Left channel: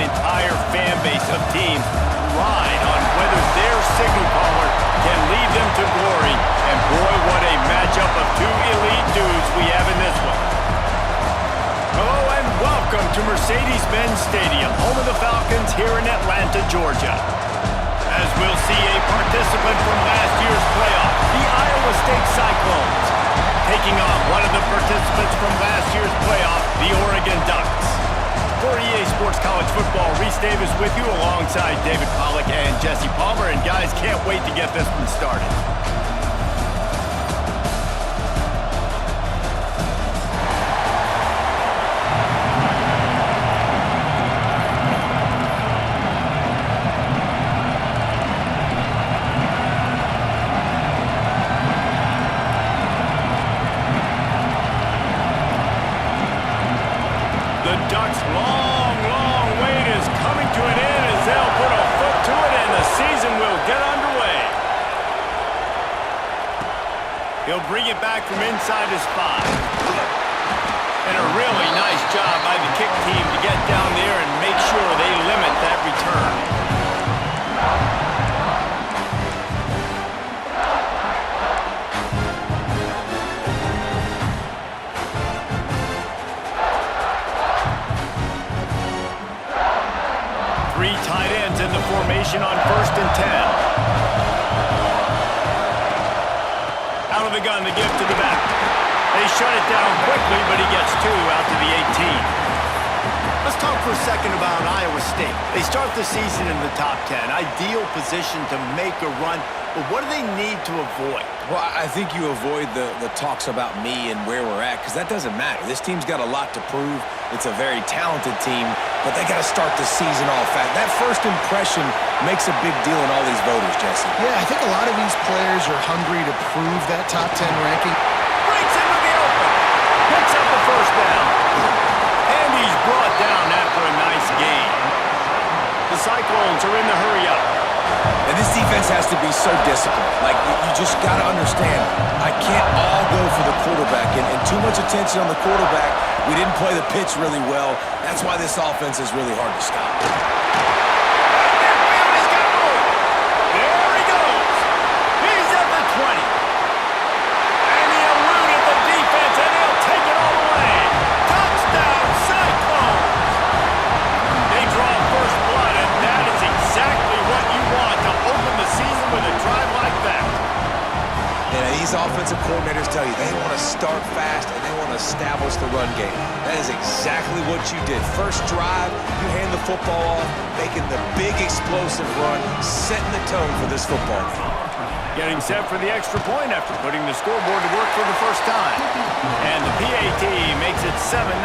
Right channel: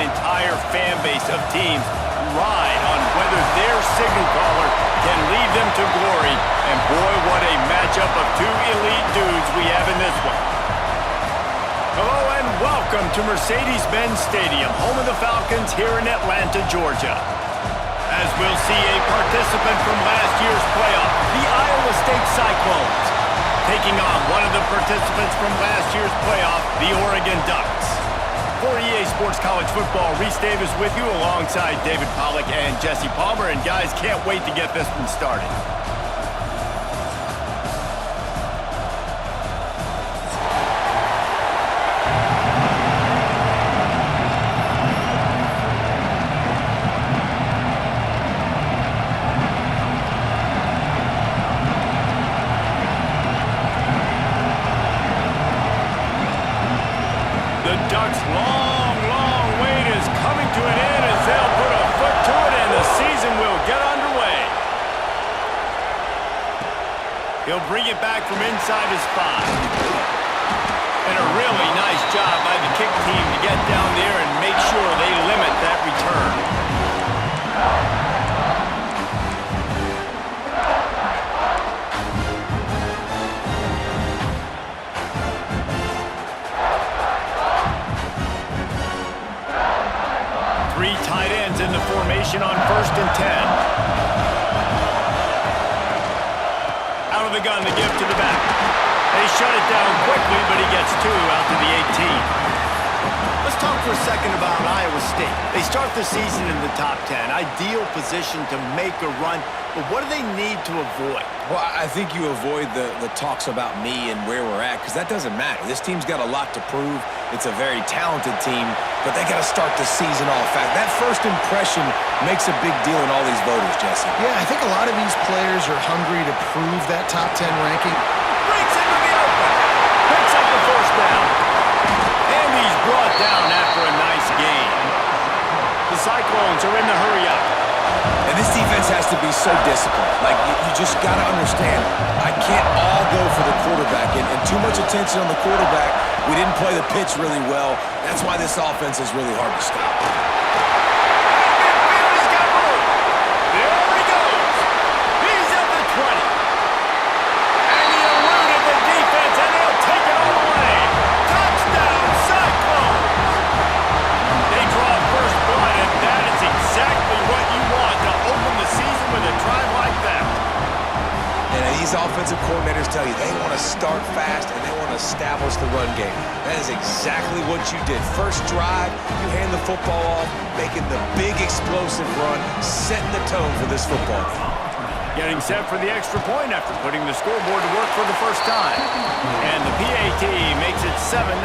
an entire fan base of teams ride on whether their signal caller can lead them to glory. And boy, what a matchup of two elite dudes we have in this one. Hello and welcome to Mercedes-Benz Stadium, home of the Falcons here in Atlanta, Georgia. As we'll see a participant from last year's playoff, the Iowa State Cyclones, taking on one of the participants from last year's playoff, the Oregon Ducks. For EA Sports College Football, Reese Davis with you alongside David Pollack and Jesse Palmer. And guys, can't wait to get this one started. The Ducks' long wait is coming to an end as they'll put a foot to it and the season will get underway. He'll bring it back from inside his 5. And a really nice job by the kick team to get down there and make sure they limit that return. 3 tight ends in the formation on 1st and 10. Out of the gun, the give to the back. They shut it down quickly, but he gets 2 out to the 18. Let's talk for a second about Iowa State. They start the season in the top 10. Ideal position to make a run, but what do they need to avoid? Well, I think you avoid the talks about me and where we're at, because that doesn't matter. This team's got a lot to prove. It's a very talented team, but they got to start the season off fast. That first impression makes a big deal in all these voters, Jesse. Yeah, I think a lot of these players are hungry to prove that top 10 ranking. Breaks into the open. Picks up the first down. And he's brought down after a nice gain. The Cyclones are in the hurry-up. And this defense has to be so disciplined. Like, you just got to understand, I can't all go for the quarterback. And too much attention on the quarterback. We didn't play the pitch really well. That's why this offense is really hard to stop. At midfield, he's got room. There he goes. He's at the 20. And he eluded the defense, and they'll take it all the way. Touchdown, Cyclones. They draw first blood, and that is exactly what you want to open the season with a drive like that. And these offensive coordinators tell you they want to start fast and they want to establish the run game. That is exactly what you did. First drive, you hand the football off, making the big explosive run, setting the tone for this football game. Getting set for the extra point after putting the scoreboard to work for the first time. And the PAT makes it 7-0.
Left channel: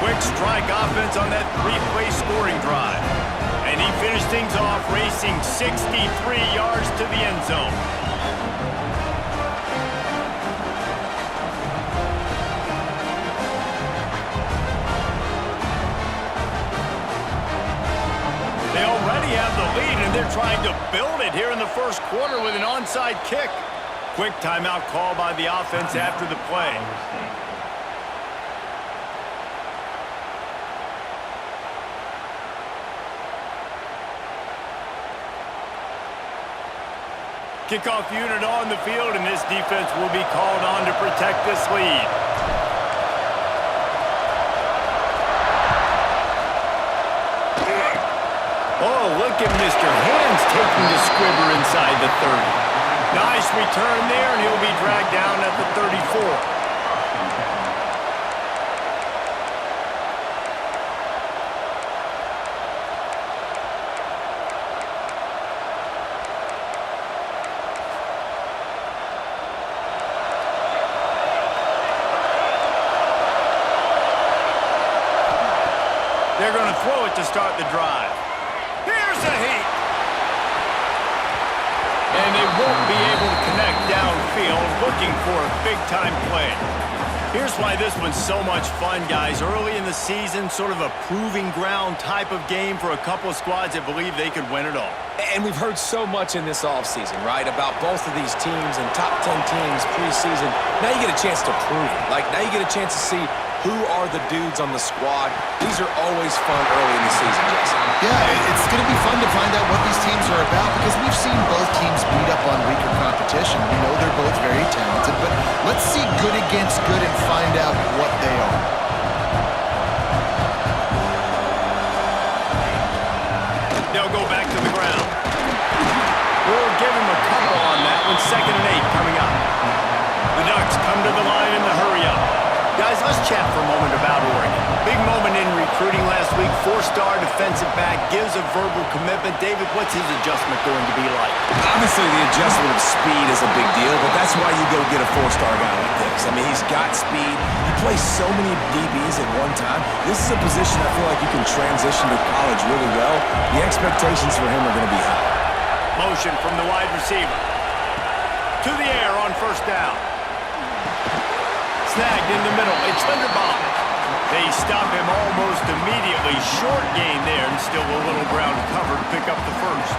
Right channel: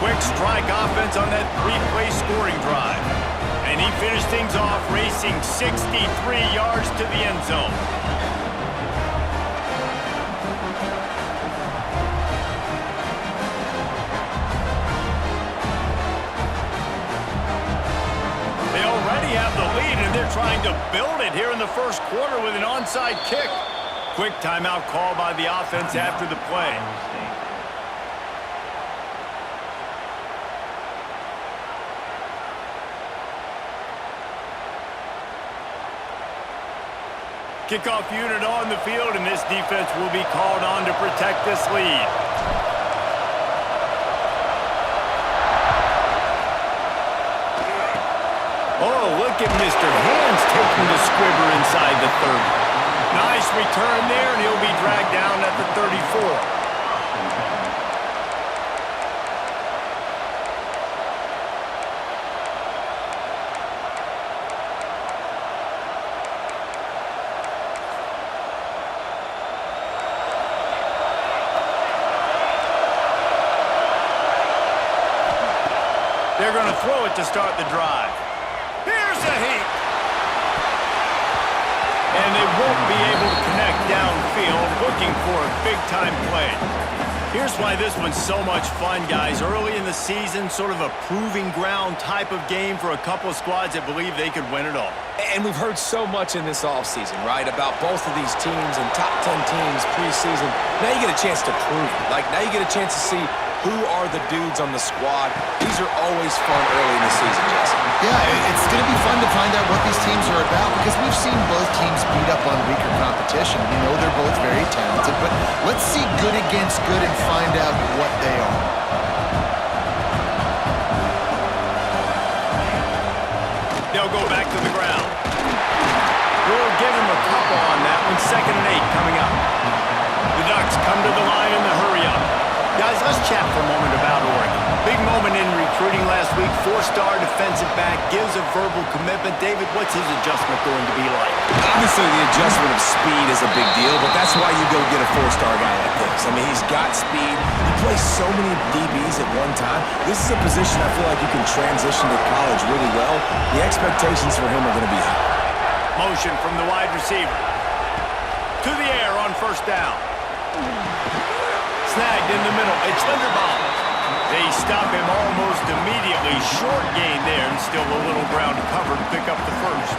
Quick strike offense on that 3-play scoring drive. And he finished things off racing 63 yards to the end zone. They already have the lead, and they're trying to build it here in the first quarter with an onside kick. Quick timeout call by the offense after the play. Kickoff unit on the field, and this defense will be called on to protect this lead. Oh, look at Mr. Hands taking the squibber inside the 30. Nice return there, and he'll be dragged down at the 34. They're going to throw it to start the drive. Here's a heat. And they won't be able to connect downfield, looking for a big-time play. Here's why this one's so much fun, guys. Early in the season, sort of a proving ground type of game for a couple of squads that believe they could win it all. And we've heard so much in this offseason, right, about both of these teams and top 10 teams preseason. Now you get a chance to prove it. Like, now you get a chance to see Who are the dudes on the squad? These are always fun early in the season, Jesse. Yeah, it's going to be fun to find out what these teams are about because we've seen both teams beat up on weaker competition. We know they're both very talented, but let's see good against good and find out what they are. They'll go back to the ground. We'll give him a couple on that one. 2nd and 8 coming up. The Ducks come to the line in the hurry-up. Guys, let's chat for a moment about Oregon. Big moment in recruiting last week. 4-star defensive back gives a verbal commitment. David, what's his adjustment going to be like? Obviously, the adjustment of speed is a big deal, but that's why you go get a 4-star guy like this. I mean, he's got speed. He plays so many DBs at one time. This is a position I feel like you can transition to college really well. The expectations for him are going to be high. Motion from the wide receiver. To the air on 1st down. Snagged in the middle. It's Linderbaum. They stop him almost immediately. Short gain there and still a little ground covered to pick up the first.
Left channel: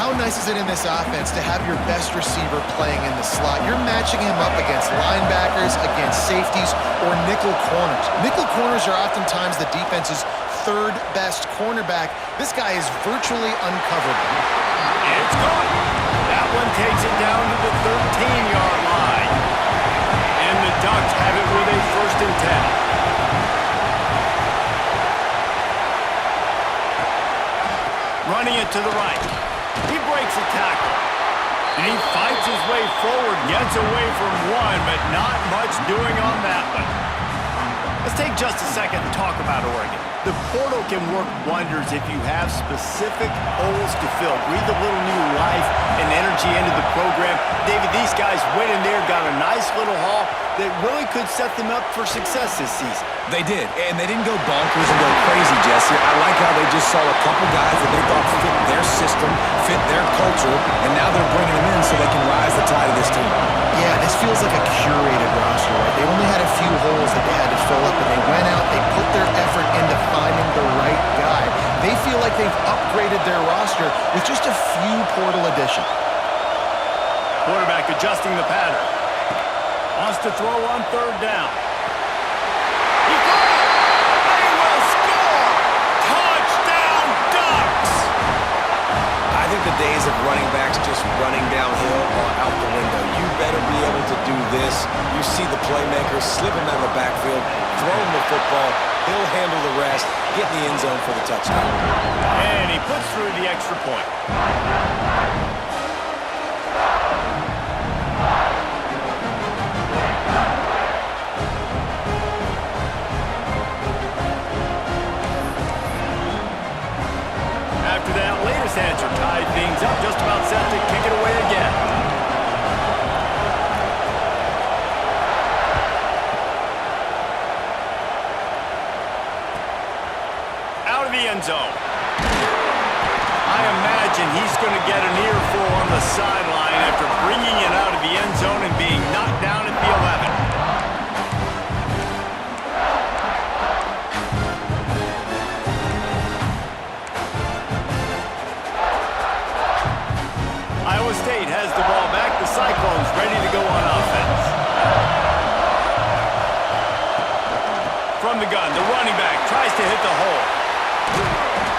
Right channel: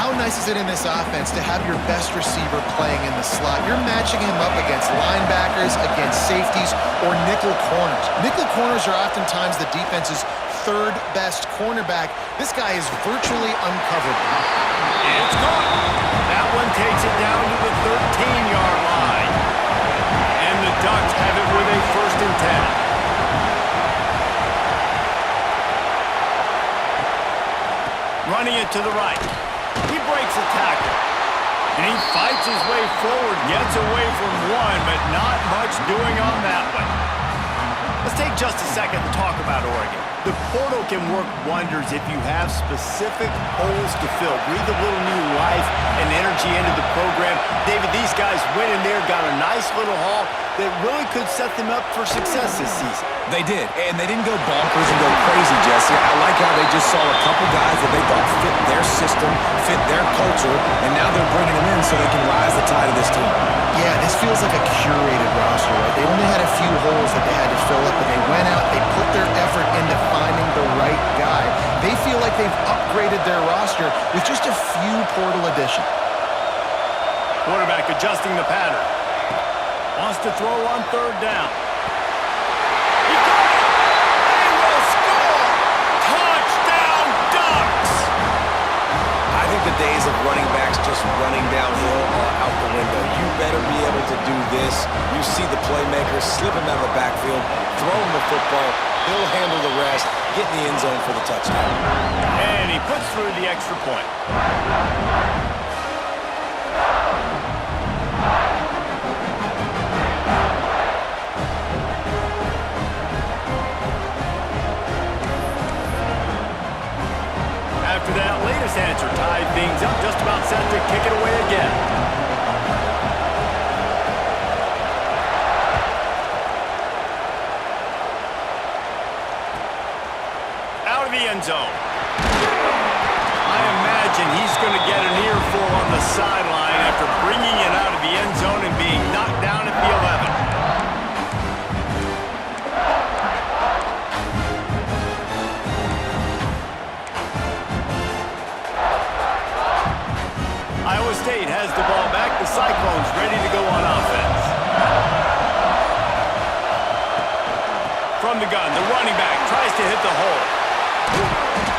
How nice is it in this offense to have your best receiver playing in the slot? You're matching him up against linebackers, against safeties, or nickel corners. Nickel corners are oftentimes the defense's 3rd best cornerback. This guy is virtually uncoverable. It's caught. That one takes it down to the 13-yard line. And the Ducks have it with a 1st and 10. Running it to the right. He breaks a tackle. And he fights his way forward, gets away from one, but not much doing on that one. Let's take just a second and talk about Oregon. The portal can work wonders if you have specific holes to fill. Breathe a little new life and energy into the program. David, these guys went in there, got a nice little haul that really could set them up for success this season. They did, and they didn't go bonkers and go crazy, Jesse. I like how they just saw a couple guys that they thought fit their system, fit their culture, and now they're bringing them in so they can rise the tide of this team. Yeah, this feels like a curated roster, right? They only had a few holes that they had to fill up, and they went out, they put their effort into finding the right guy. They feel like they've upgraded their roster with just a few portal additions. Quarterback adjusting the pattern. Wants to throw on 3rd down. He caught it! They will score! Touchdown, Ducks! I think the days of running backs just running downhill are out the window. You better be able to do this. You see the playmaker, slip him out of the backfield, throw him the football, he'll handle the rest, get in the end zone for the touchdown. And he puts through the extra point. After that latest answer tied things up, just about set to kick it away again. Out of the end zone. I imagine he's going to get an earful on the sideline after bringing it out of the end zone and being knocked down at the 11. Iowa State has the ball back. The Cyclones ready to go on offense. From the gun, the running back tries to hit the hole.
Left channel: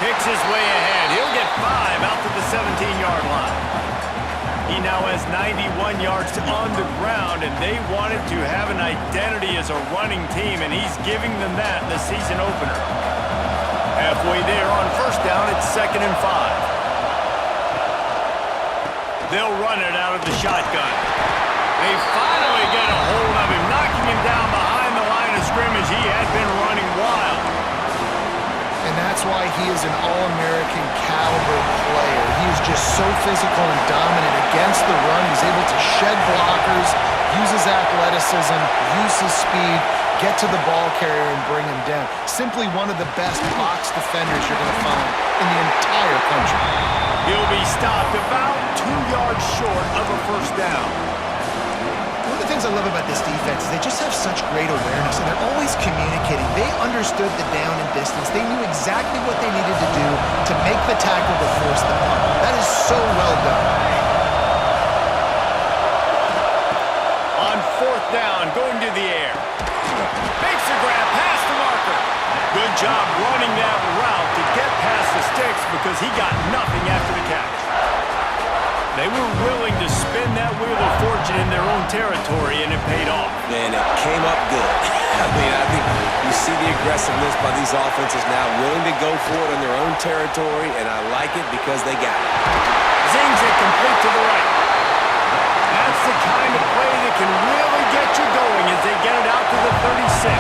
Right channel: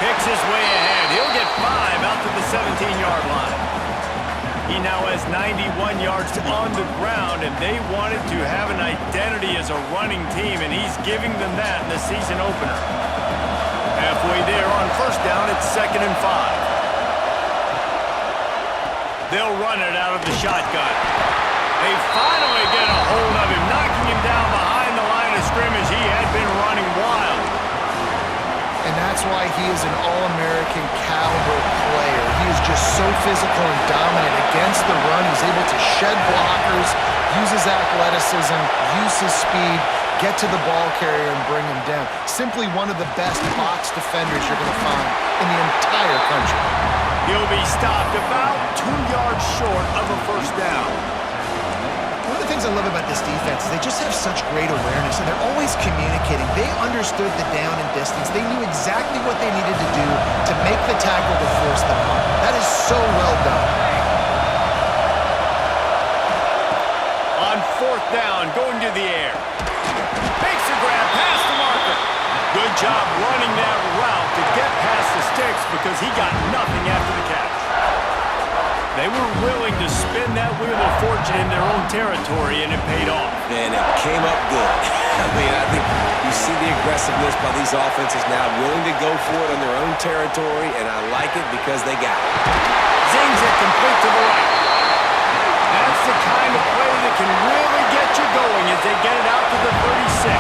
Picks his way ahead. He'll get 5 out to the 17-yard line. He now has 91 yards on the ground, and they wanted to have an identity as a running team, and he's giving them that in the season opener. Halfway there on 1st down, it's 2nd and 5. They'll run it out of the shotgun. They finally get a hold of him, knocking him down behind the line of scrimmage. He had been running wild. And that's why he is an All-American caliber player. He is just so physical and dominant against the run. He's able to shed blockers, use his athleticism, use his speed, get to the ball carrier and bring him down. Simply one of the best box defenders you're going to find in the entire country. He'll be stopped about 2 yards short of a 1st down. One of the things I love about this defense is they just have such great awareness, and they're always communicating. They understood the down and distance. They knew exactly what they needed to do to make the tackle to force the punt. That is so well done. On 4th down, going to the air. Makes the grab past the marker. Good job running that route to get past the sticks because he got nothing after the catch. They were willing to spin that wheel of fortune in their own territory, and it paid off. And it came up good. I mean, I think you see the aggressiveness by these offenses now, willing to go for it on their own territory, and I like it because they got it. Zings it complete to the right. That's the kind of play that can really get you going as they get it out to the 36.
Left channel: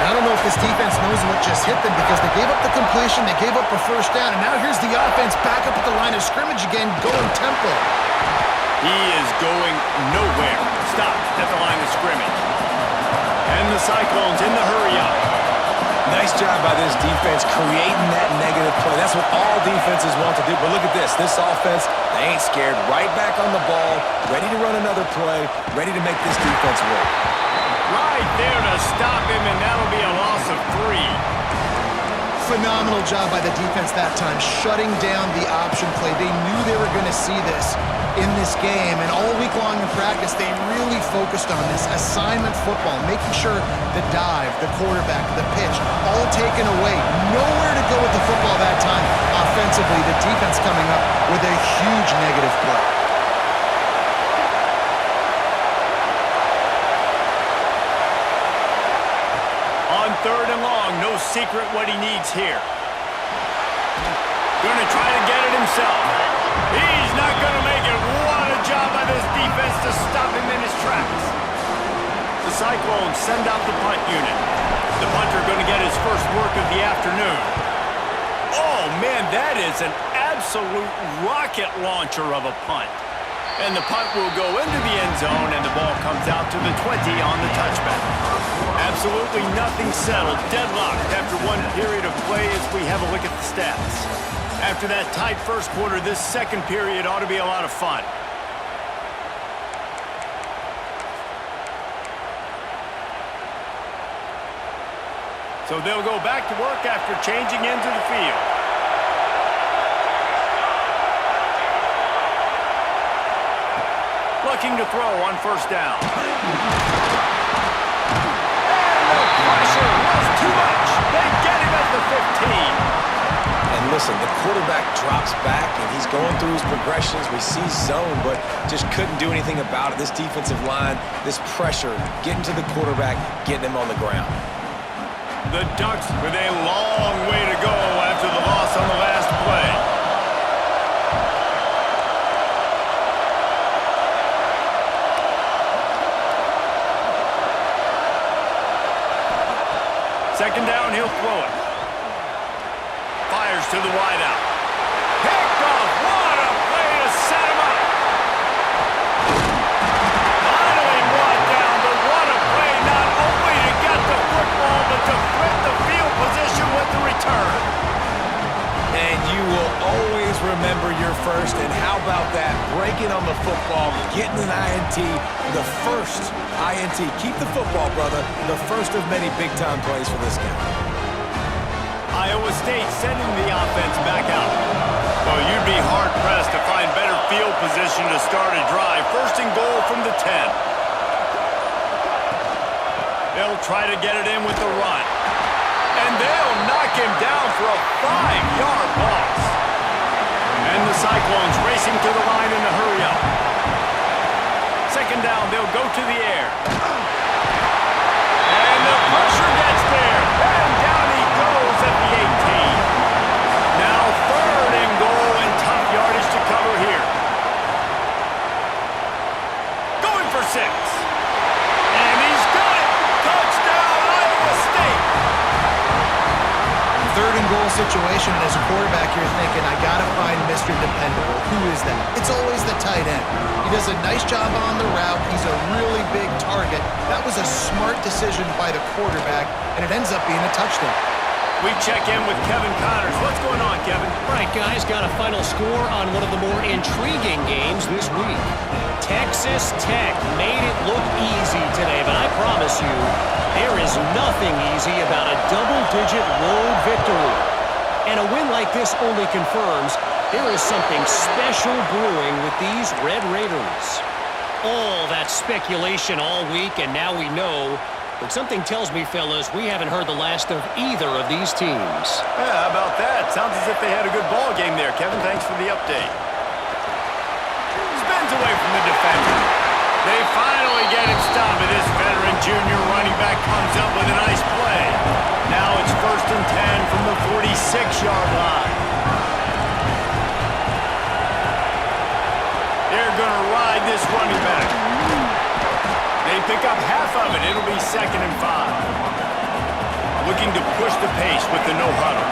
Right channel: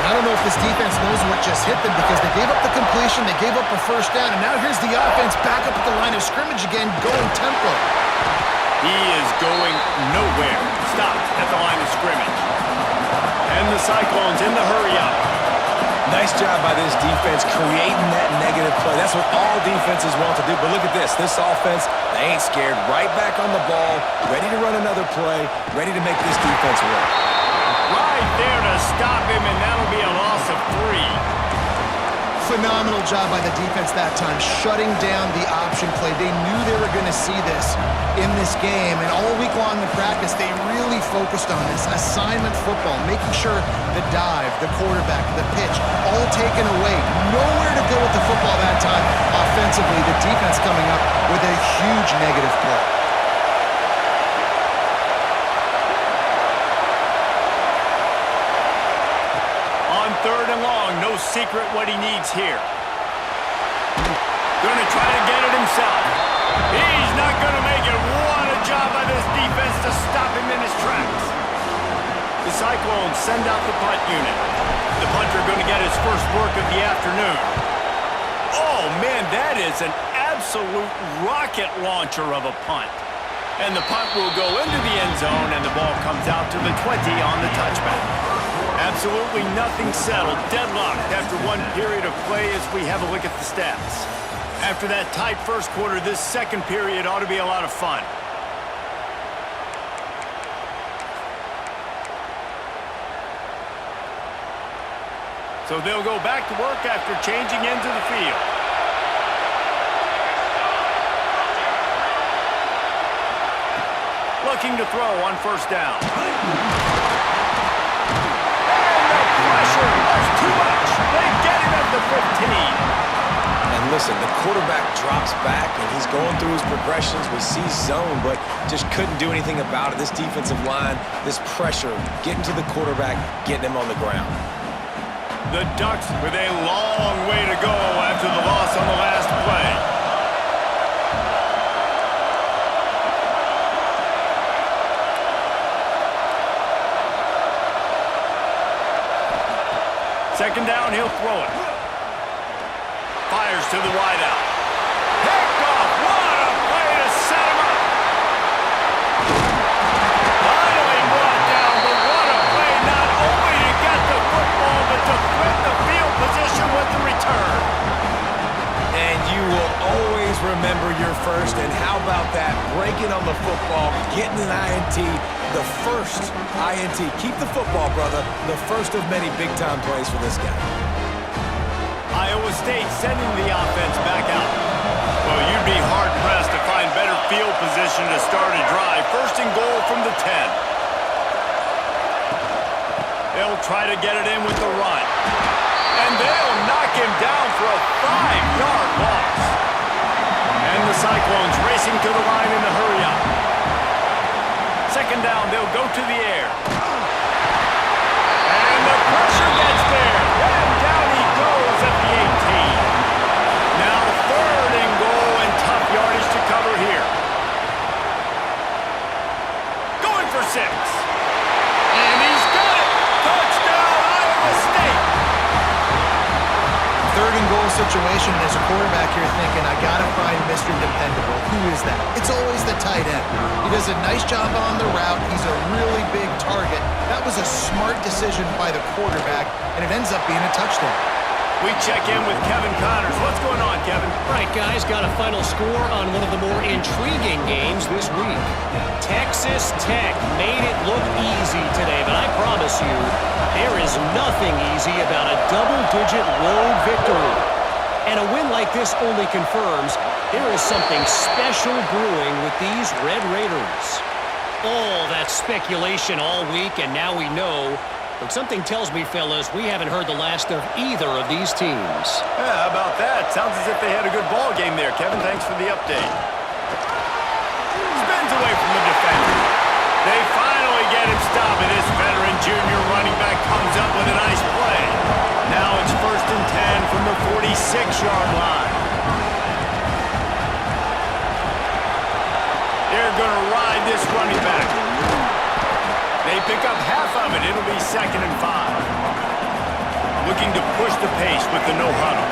I don't know if this defense knows what just hit them because they gave up the completion, they gave up a first down, and now here's the offense back up at the line of scrimmage again, going tempo. He is going nowhere. Stop at the line of scrimmage. And the Cyclones in the hurry-up. Nice job by this defense creating that negative play. That's what all defenses want to do. But look at this. This offense, they ain't scared. Right back on the ball, ready to run another play, ready to make this defense work. Right there to stop him, and that'll be a loss of 3. Phenomenal job by the defense that time, shutting down the option play. They knew they were going to see this in this game, and all week long in practice, they really focused on this assignment football, making sure the dive, the quarterback, the pitch, all taken away. Nowhere to go with the football that time. Offensively, the defense coming up with a huge negative play. On 3rd and long, no secret what he needs here. Gonna try to get it himself. He's not gonna make it. What a job by this defense to stop him in his tracks. The Cyclones send out the punt unit. The punter gonna get his first work of the afternoon. Oh man, that is an absolute rocket launcher of a punt. And the punt will go into the end zone, and the ball comes out to the 20 on the touchback. Absolutely nothing settled, deadlocked after one period of play as we have a look at the stats. After that tight first quarter, this second period ought to be a lot of fun. So they'll go back to work after changing into the field. Looking to throw on first down. Pressure was too much. They get him at the 15. And listen, the quarterback drops back, and he's going through his progressions. We see zone, but just couldn't do anything about it. This defensive line, this pressure, getting to the quarterback, getting him on the ground. The Ducks with a long way to go after the loss on the last play. Second down, he'll throw it. Fires to the wideout. Picked off. What a play to set him up. Finally brought down, but what a play not only to get the football, but to flip the field position with the return. And you will always remember your first, and how about that? Breaking on the football, getting an INT, the first INT. Keep the football, brother. The first of many big-time plays for this guy. Iowa State sending the offense back out. Well, you'd be hard-pressed to find better field position to start a drive. First and goal from the 10. They'll try to get it in with the run. And they'll knock him down for a 5-yard loss. And the Cyclones racing to the line in the hurry-up. Second down, they'll go to the air. And the pressure gets there. And down he goes at the 18. Now 3rd and goal, and tough yardage to cover here. Going for 6. And he's got it. Touchdown, Iowa State. 3rd and goal situation, and as a quarterback, you're thinking, I gotta find Mr. Dependable. Who is that? It's always the tight end. He does a nice job on the route. He's a really big target. That was a smart decision by the quarterback, and it ends up being a touchdown. We check in with Kevin Connors. What's going on, Kevin? All right, guys, got a final score on one of the more intriguing games this week. Texas Tech made it look easy today, but I promise you, there is nothing easy about a double-digit road victory. And a win like this only confirms there is something special brewing with these Red Raiders. All that speculation all week, and now we know. But something tells me, fellas, we haven't heard the last of either of these teams. Yeah, how about that? Sounds as if they had a good ball game there. Kevin, thanks for the update. Spins away from the defender. They finally get him stopped, and this veteran junior running back comes up with a nice play. Now it's 1st and 10 from the 46-yard line. They're going to ride this running back. They pick up half of it. It'll be 2nd and 5. Looking to push the pace with the no huddle.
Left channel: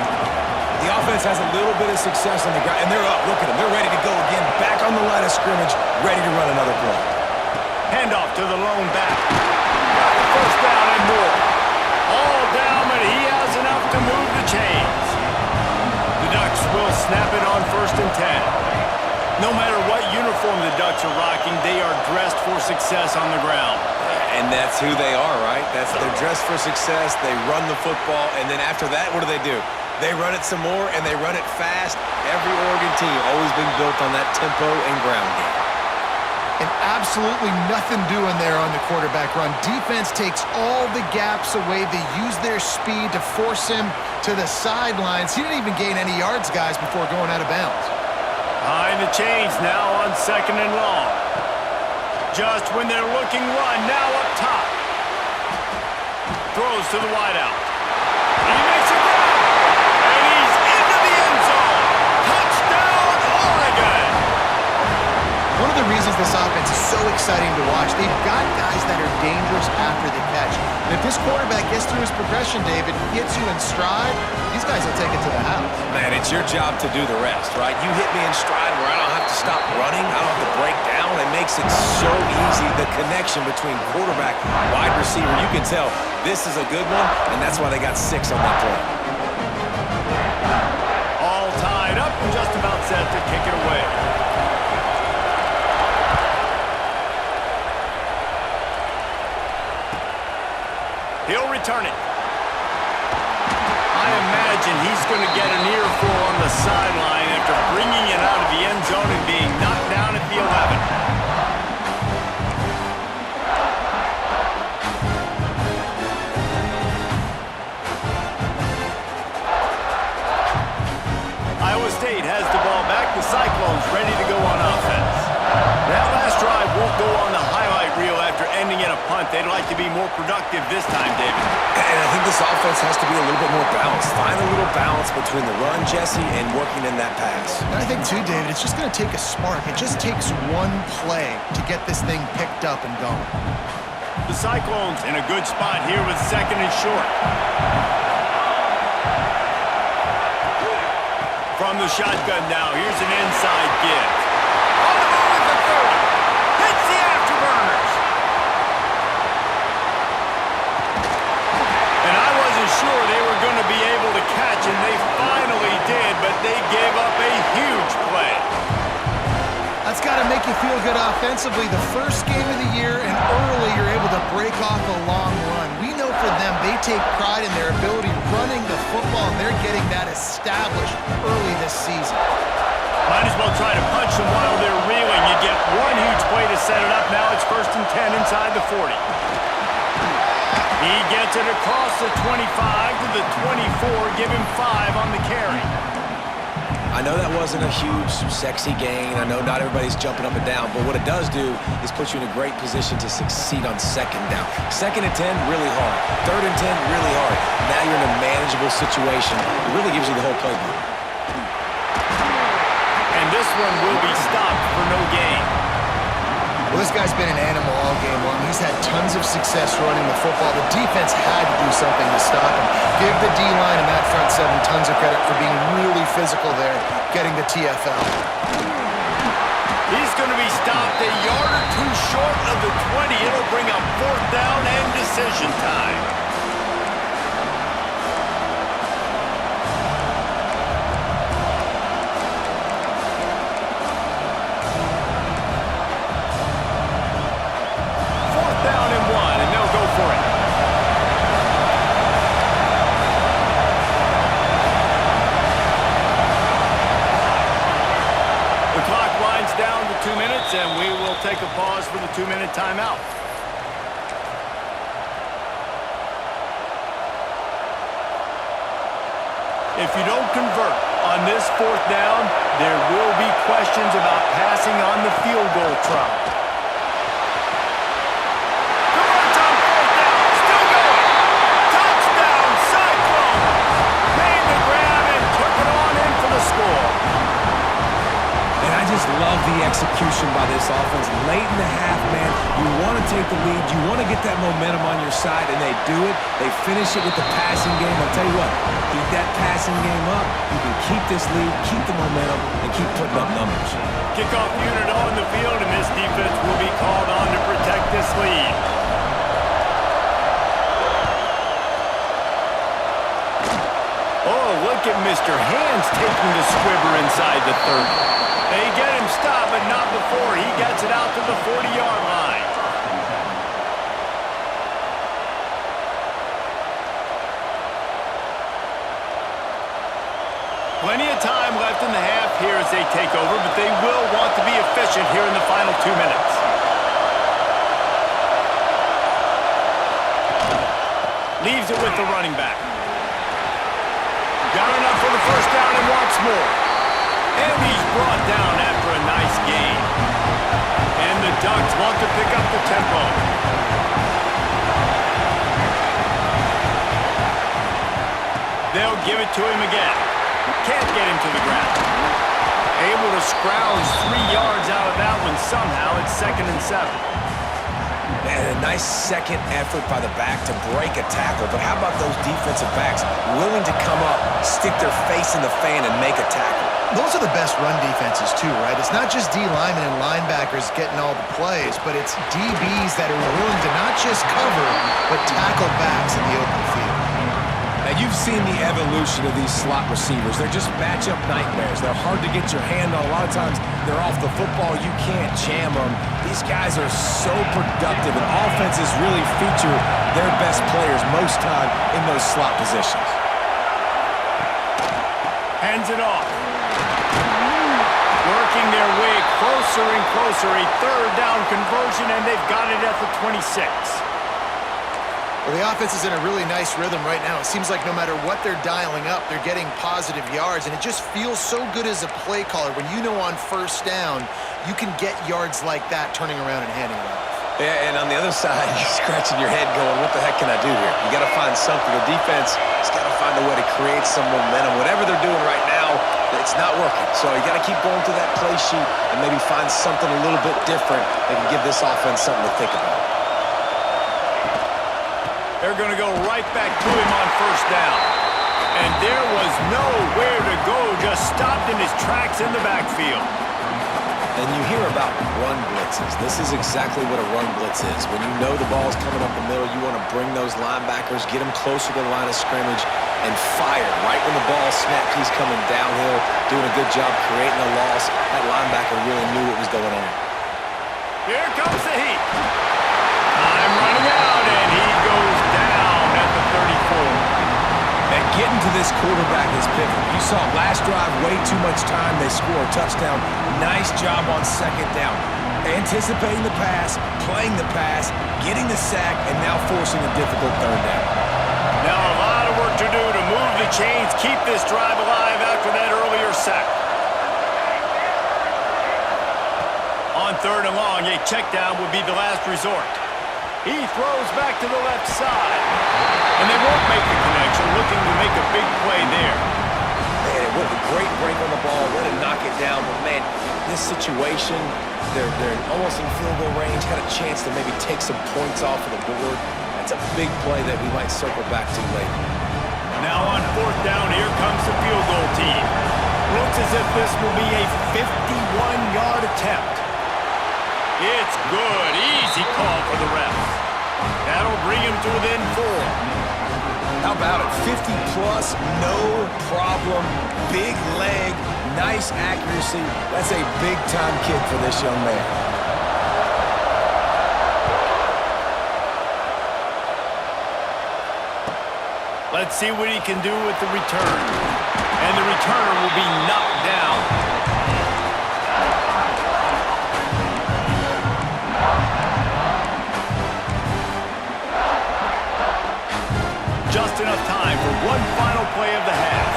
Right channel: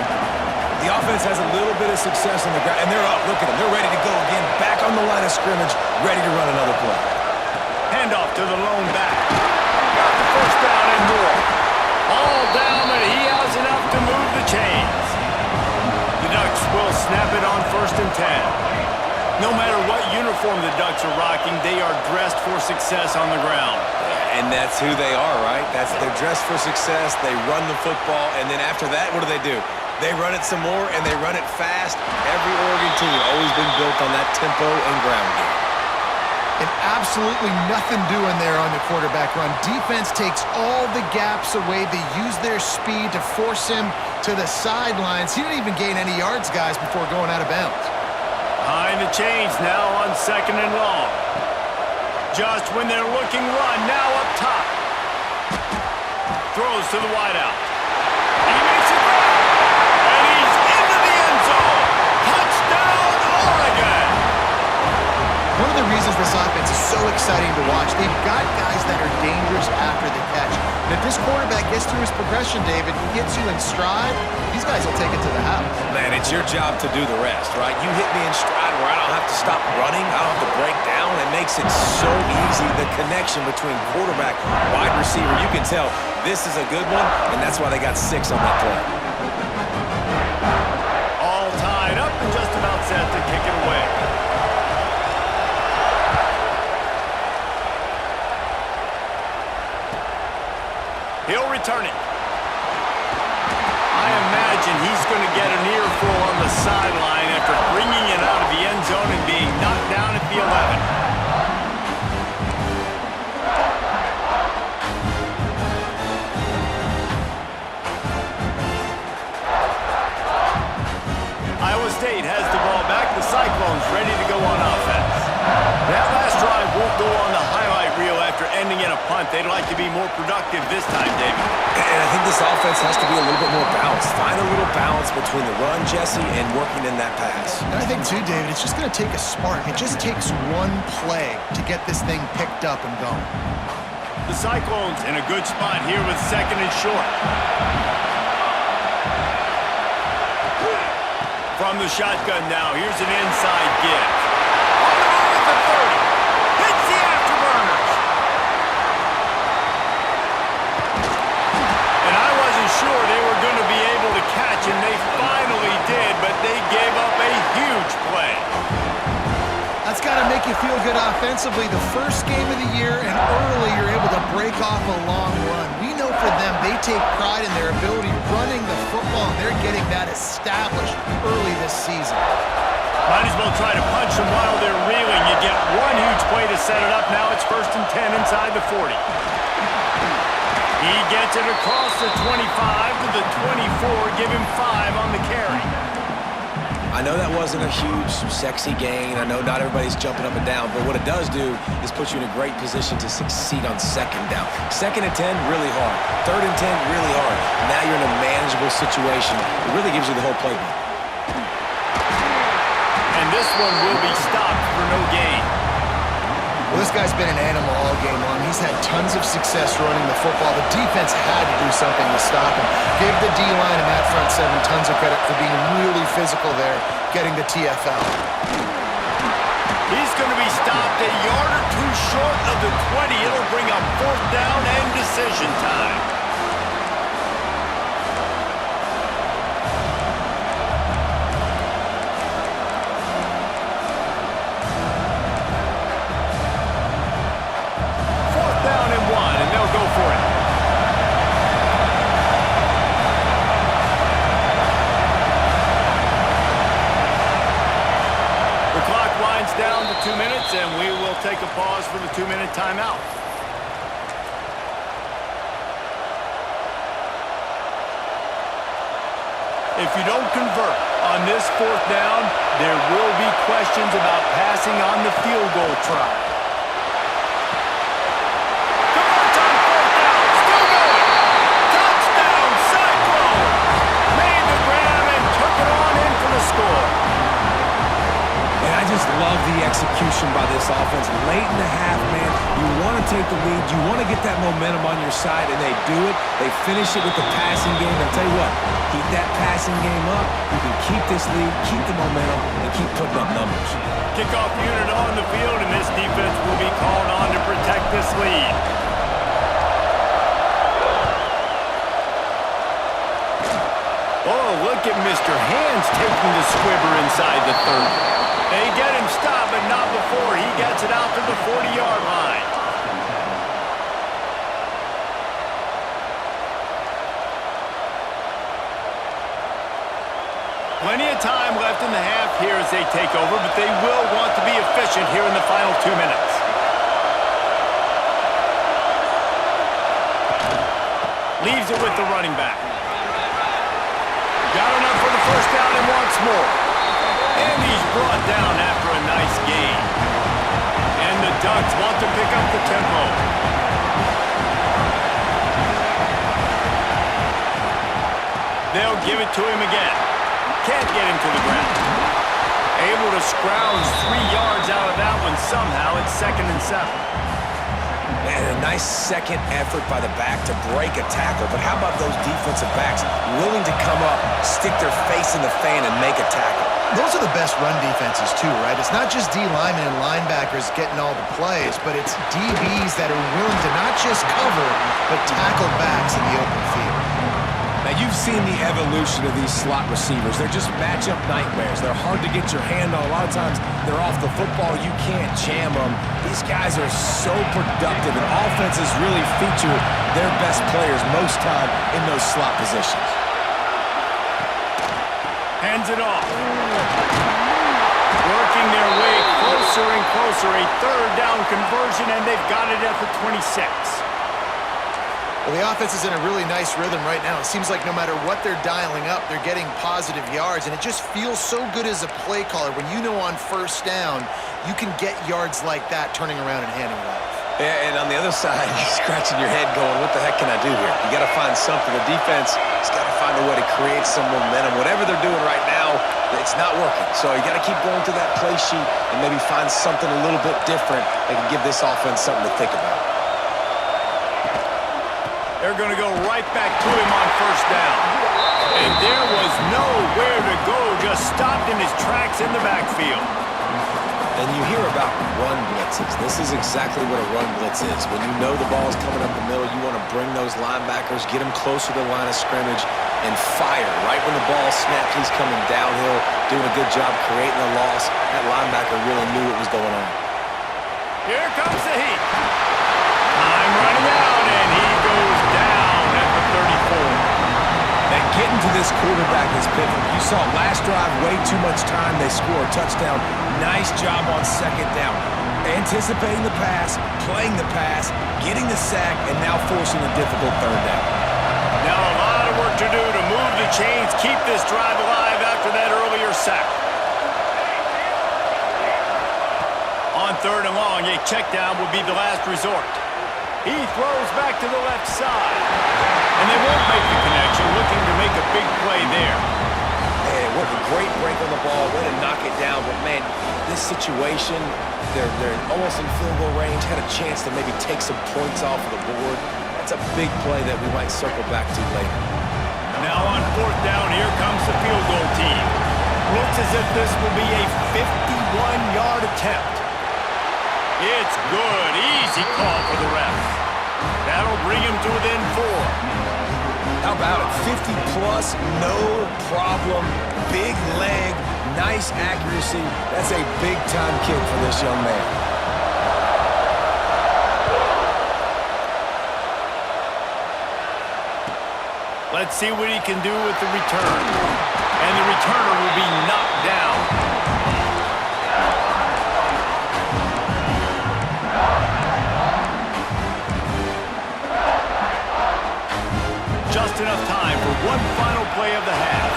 The offense has a little bit of success on the ground, and they're up. Look at them. They're ready to go again. Back on the line of scrimmage, ready to run another play. Handoff to the lone back. Got the 1st down and more. All down, but he has enough to move the chains. The Ducks will snap it on 1st and 10. No matter what uniform the Ducks are rocking, they are dressed for success on the ground. And that's who they are, right? They're dressed for success. They run the football, and then after that, what do? They run it some more, and they run it fast. Every Oregon team always been built on that tempo and ground game. And absolutely nothing doing there on the quarterback run. Defense takes all the gaps away. They use their speed to force him to the sidelines. He didn't even gain any yards, guys, before going out of bounds. Behind the chains now on 2nd and long. Just when they're looking run, now up top. Throws to the wideout. He makes a grab. And he's into the end zone. Touchdown, Oregon. One of the reasons this offense is so exciting to watch, they've got guys that are dangerous after the catch. And if this quarterback gets through his progression, David, gets you in stride, these guys will take it to the house. Man, it's your job to do the rest, right? You hit me in stride where I don't have to stop running. I don't have to break down. It makes it so easy. The connection between quarterback, wide receiver, you can tell this is a good one, and that's why they got 6 on that play. All tied up and just about set to kick it away. He'll return it. I imagine he's going to get an earful on the sideline after bringing it out of the end zone and being knocked down at the 11. Iowa State has the ball back. The Cyclones ready to go on offense. That last drive won't go on the highlight reel after ending in a punt. They'd like to be more productive this time, David. And I think this offense has to be a little bit more balanced. Find a little balance between the run, Jesse, and working in that pass. And I think, too, David, it's just going to take a spark. It just takes one play to get this thing picked up and going. The Cyclones in a good spot here with 2nd and short. From the shotgun now, here's an inside give. On the move at the 30. Hits the afterburners. And I wasn't sure they were going to be able to catch, and they finally did, but they gave up a huge play. That's got to make you feel good offensively. The first game of the year, and early you're able to break off a long run. We know for them, they take pride in their ability running the football, and they're getting that established early this season. Might as well try to punch them while they're reeling. You get one huge play to set it up. Now it's 1st and 10 inside the 40. He gets it across the 25 to the 24. Give him 5 on the carry. I know that wasn't a huge, sexy gain. I know not everybody's jumping up and down, but what it does do is put you in a great position to succeed on 2nd down. 2nd and 10, really hard. 3rd and 10, really hard. Now you're in a manageable situation. It really gives you the whole playbook. And this one will be stopped for no gain. Well, this guy's been an animal all game long. He's had tons of success running the football. The defense had to do something to stop him. Give the D-line and that front 7 tons of credit for being really physical there, getting the TFL. He's going to be stopped a yard or 2 short of the 20. It'll bring up 4th down and decision time. Down and 1, and they'll go for it. The clock winds down to 2 minutes, and we will take a pause for the 2-minute timeout. If you don't convert on this 4th down, there will be questions about passing on the field goal try. Converts on 4th down. Still going. Touchdown, Cyclones. Made the grab and took it on in for the score. And I just love the execution by this offense. Late in the half, man, you want to take the lead. You want to get that momentum on your side, and they do it. They finish it with the passing game. I'll tell you what, keep that passing game up. You can keep this lead, keep the momentum, and keep putting up numbers. Kickoff unit on the field, and this defense will be called on to protect this lead. Oh, look at Mr. Hands taking the squibber inside the 30. They get him stopped, but not before he gets it out to the 40-yard line. Plenty of time left in the half here as they take over, but they will want to be efficient here in the final 2 minutes. Leaves it with the running back. Got enough for the 1st down and wants more. And he's brought down after a nice gain. And the Ducks want to pick up the tempo. They'll give it to him again. Can't get him to the ground. Able to scrounge 3 yards out of that one somehow. It's 2nd and 7. And a nice second effort by the back to break a tackle. But how about those defensive backs willing to come up, stick their face in the fan, and make a tackle? Those are the best run defenses too, right? It's not just D linemen and linebackers getting all the plays, but it's DBs that are willing to not just cover, but tackle backs in the open field. Now, you've seen the evolution of these slot receivers. They're just matchup nightmares. They're hard to get your hand on. A lot of times, they're off the football. You can't jam them. These guys are so productive, and offenses really feature their best players most time in those slot positions. Hands it off. Working their way closer and closer. A 3rd down conversion, and they've got it at the 26. Well, the offense is in a really nice rhythm right now. It seems like no matter what they're dialing up, they're getting positive yards, and it just feels so good as a play caller when you know on 1st down you can get yards like that turning around and handing it off. Yeah, and on the other side, you're scratching your head going, what the heck can I do here? You got to find something. The defense has got to find a way to create some momentum. Whatever they're doing right now, it's not working. So you got to keep going through that play sheet and maybe find something a little bit different that can give this offense something to think about. They're going to go right back to him on 1st down. And there was nowhere to go, just stopped in his tracks in the backfield. And you hear about run blitzes. This is exactly what a run blitz is. When you know the ball's coming up the middle, you want to bring those linebackers, get them closer to the line of scrimmage, and fire. Right when the ball snaps, he's coming downhill, doing a good job creating a loss. That linebacker really knew what was going on. Here comes the heat. Time running out, and he goes down at the 34. And getting to this quarterback is pivotal. You saw last drive, way too much time. They score a touchdown. Nice job on 2nd down. Anticipating the pass, playing the pass, getting the sack, and now forcing a difficult 3rd down. Now a lot of work to do to move the chains, keep this drive alive after that earlier sack. On 3rd and long, a check down would be the last resort. He throws back to the left side. And they won't make the connection, looking to make a big play there. Man, what a great break on the ball. Way to knock it down. But, man, this situation, they're almost in field goal range, had a chance to maybe take some points off of the board. That's a big play that we might circle back to later. Now on 4th down, here comes the field goal team. Looks as if this will be a 51-yard attempt. It's good. Easy call for the refs. That'll bring him to within 4. How about it? 50-plus, no problem. Big leg, nice accuracy. That's a big-time kid for this young man. Let's see what he can do with the return. And the returner will be knocked down. just enough time for one final play of the half.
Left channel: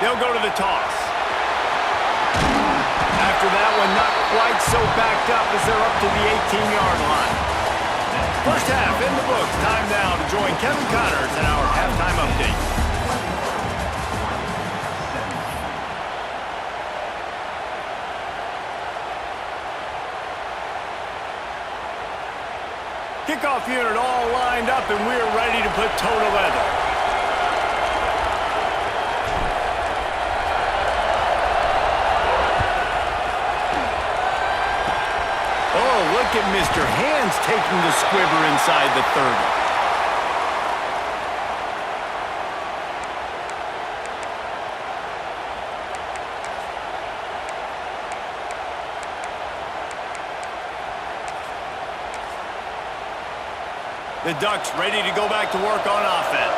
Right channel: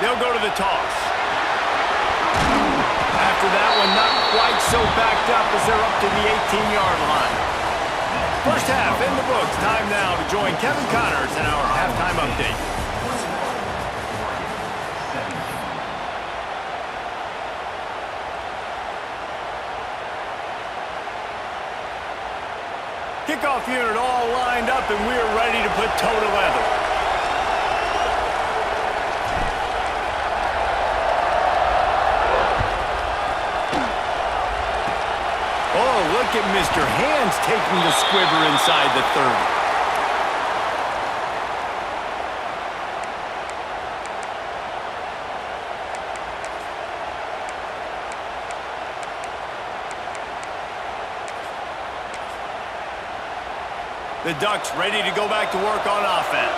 They'll go to the toss. After that one, not quite so backed up as they're up to the 18-yard line. First half in the books. Time now to join Kevin Connors in our halftime update. Kickoff unit all lined up, and we're ready to put toe to leather. Oh, look at Mr. Hands taking the squibber inside the 30. The Ducks ready to go back to work on offense.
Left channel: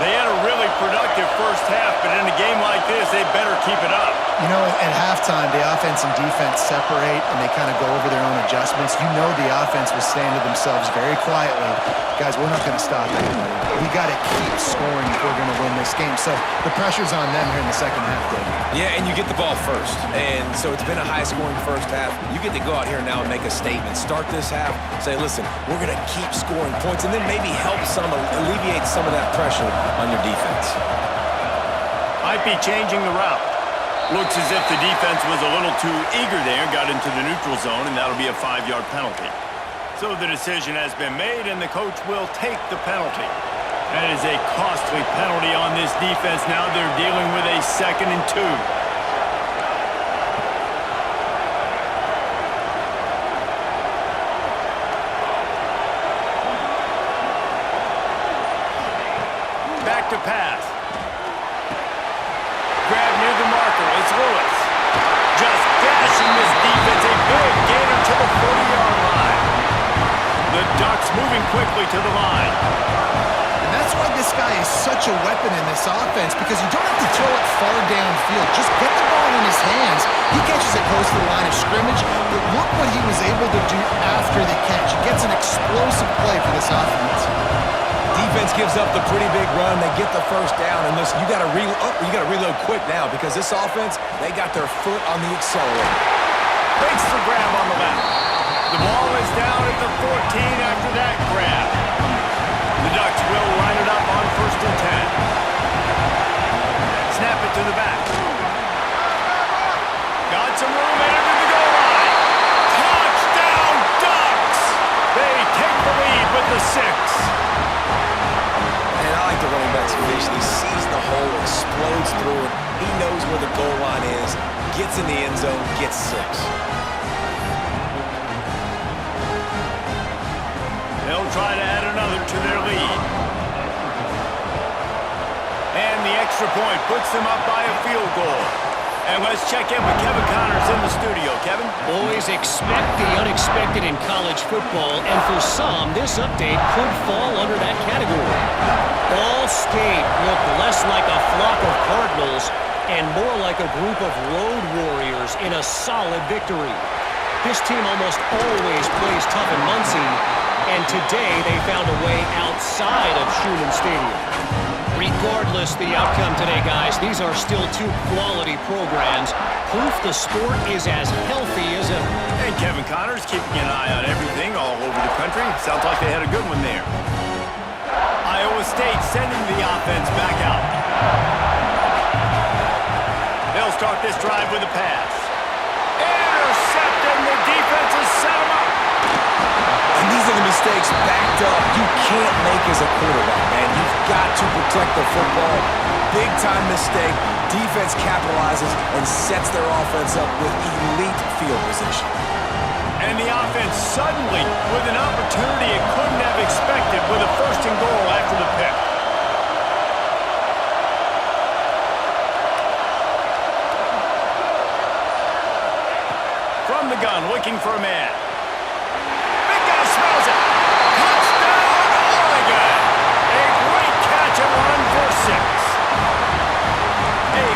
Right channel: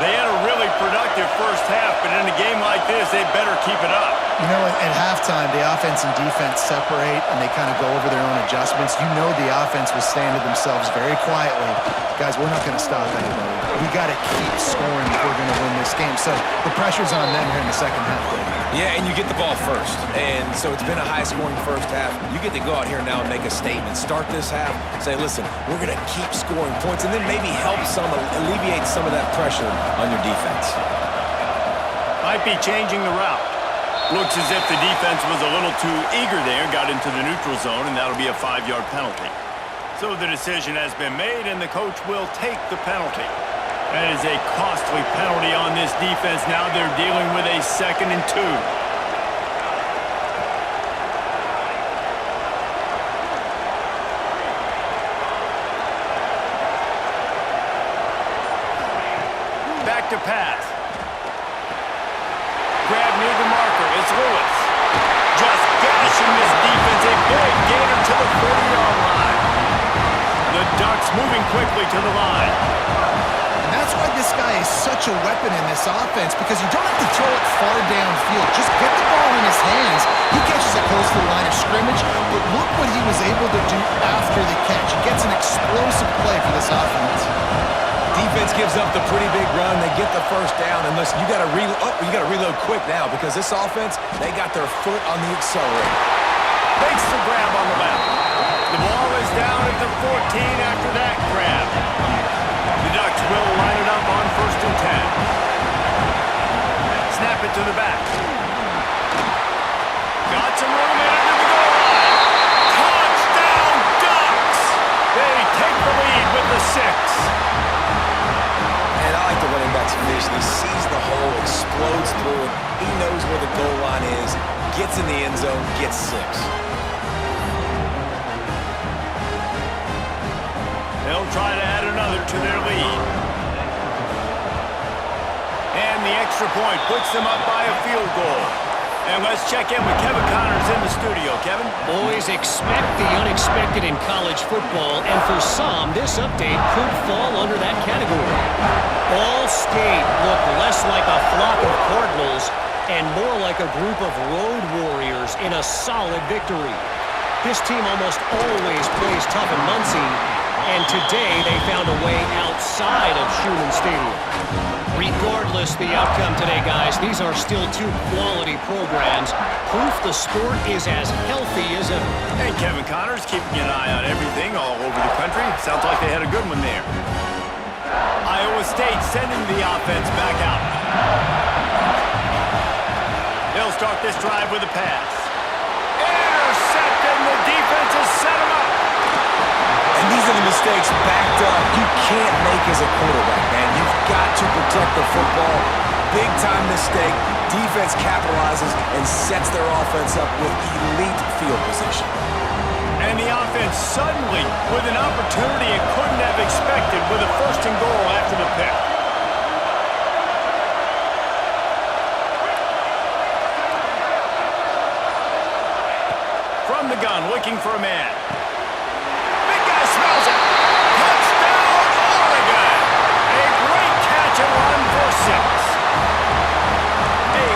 They had a really productive first half, but in a game like this, they better keep it up. You know, at halftime, the offense and defense separate, and they kind of go over their own adjustments. You know the offense was saying to themselves very quietly, guys, we're not going to stop anybody. We got to keep scoring if we're going to win this game. So the pressure's on them here in the second half, David. Yeah, and you get the ball first. And so it's been a high-scoring first half. You get to go out here now and make a statement. Start this half, say, listen, we're going to keep scoring points, and then maybe help alleviate some of that pressure on your defense. Might be changing the route. Looks as if the defense was a little too eager there, got into the neutral zone, and that'll be a 5-yard penalty. So the decision has been made, and the coach will take the penalty. That is a costly penalty on this defense. Now they're dealing with a 2nd and 2. Back to pass. Grab near the marker. It's Lewis. Just gashing this defense. A big gainer to the 40-yard line. The Ducks moving quickly to the line. And that's why this guy is such a weapon in this offense, because you don't have to throw it far downfield. Just get the ball in his hands. He catches it close to the line of scrimmage, but look what he was able to do after the catch. He gets an explosive play for this offense. Defense gives up the pretty big run. They get the first down, and listen, you got to reload quick now, because this offense, they got their foot on the accelerator. Makes the grab on the left. The ball is down at the 14 after that grab. The Ducks will line it up on 1st and 10. Snap it to the back. Got some room in it to the goal line. Touchdown, Ducks! They take the lead with the 6. And I like the running back's vision. He sees the hole, explodes through it. He knows where the goal line is, gets in the end zone, gets 6. They'll try to add another to their lead. And the extra point puts them up by a field goal. And let's check in with Kevin Connors in the studio. Kevin? Boys, expect the unexpected in college football, and for some, this update could fall under that category. All State looked less like a flock of Cardinals and more like a group of road warriors in a solid victory. This team almost always plays tough in Muncie, and today they found a way outside of Schumann Stadium. Regardless the outcome today, guys, these are still 2 quality programs. Proof the sport is as healthy as ever. And Kevin Connors keeping an eye on everything all over the country. Sounds like they had a good one there. Iowa State sending the offense back out. They'll start this drive with a pass. Intercepted, the defense has set him up. And these are the mistakes backed up you can't make as a quarterback, man. You've got to protect the football. Big-time mistake. Defense capitalizes and sets their offense up with elite field position. And the offense suddenly with an opportunity it couldn't have expected with a 1st and goal after the pick. From the gun, looking for a man. Smells it. Touchdown, Oregon. A great catch and run for 6. A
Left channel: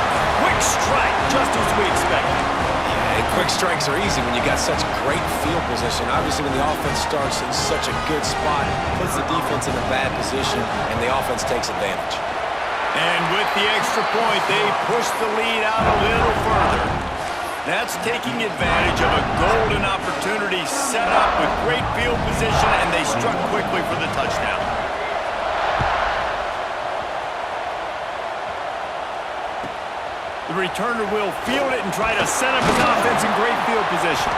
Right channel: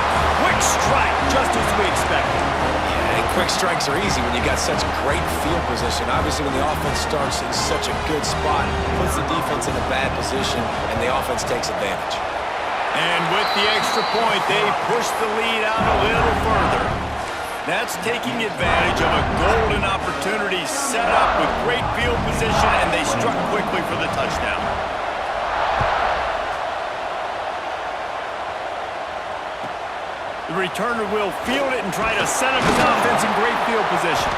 quick strike, just as we expected. Yeah, And quick strikes are easy when you got such great field position. Obviously, when the offense starts in such a good spot, puts the defense in a bad position, and the offense takes advantage. And with the extra point, they push the lead out a little further. That's taking advantage of a golden opportunity set up with great field position, and they struck quickly for the touchdown. The returner will field it and try to set up his offense in great field position.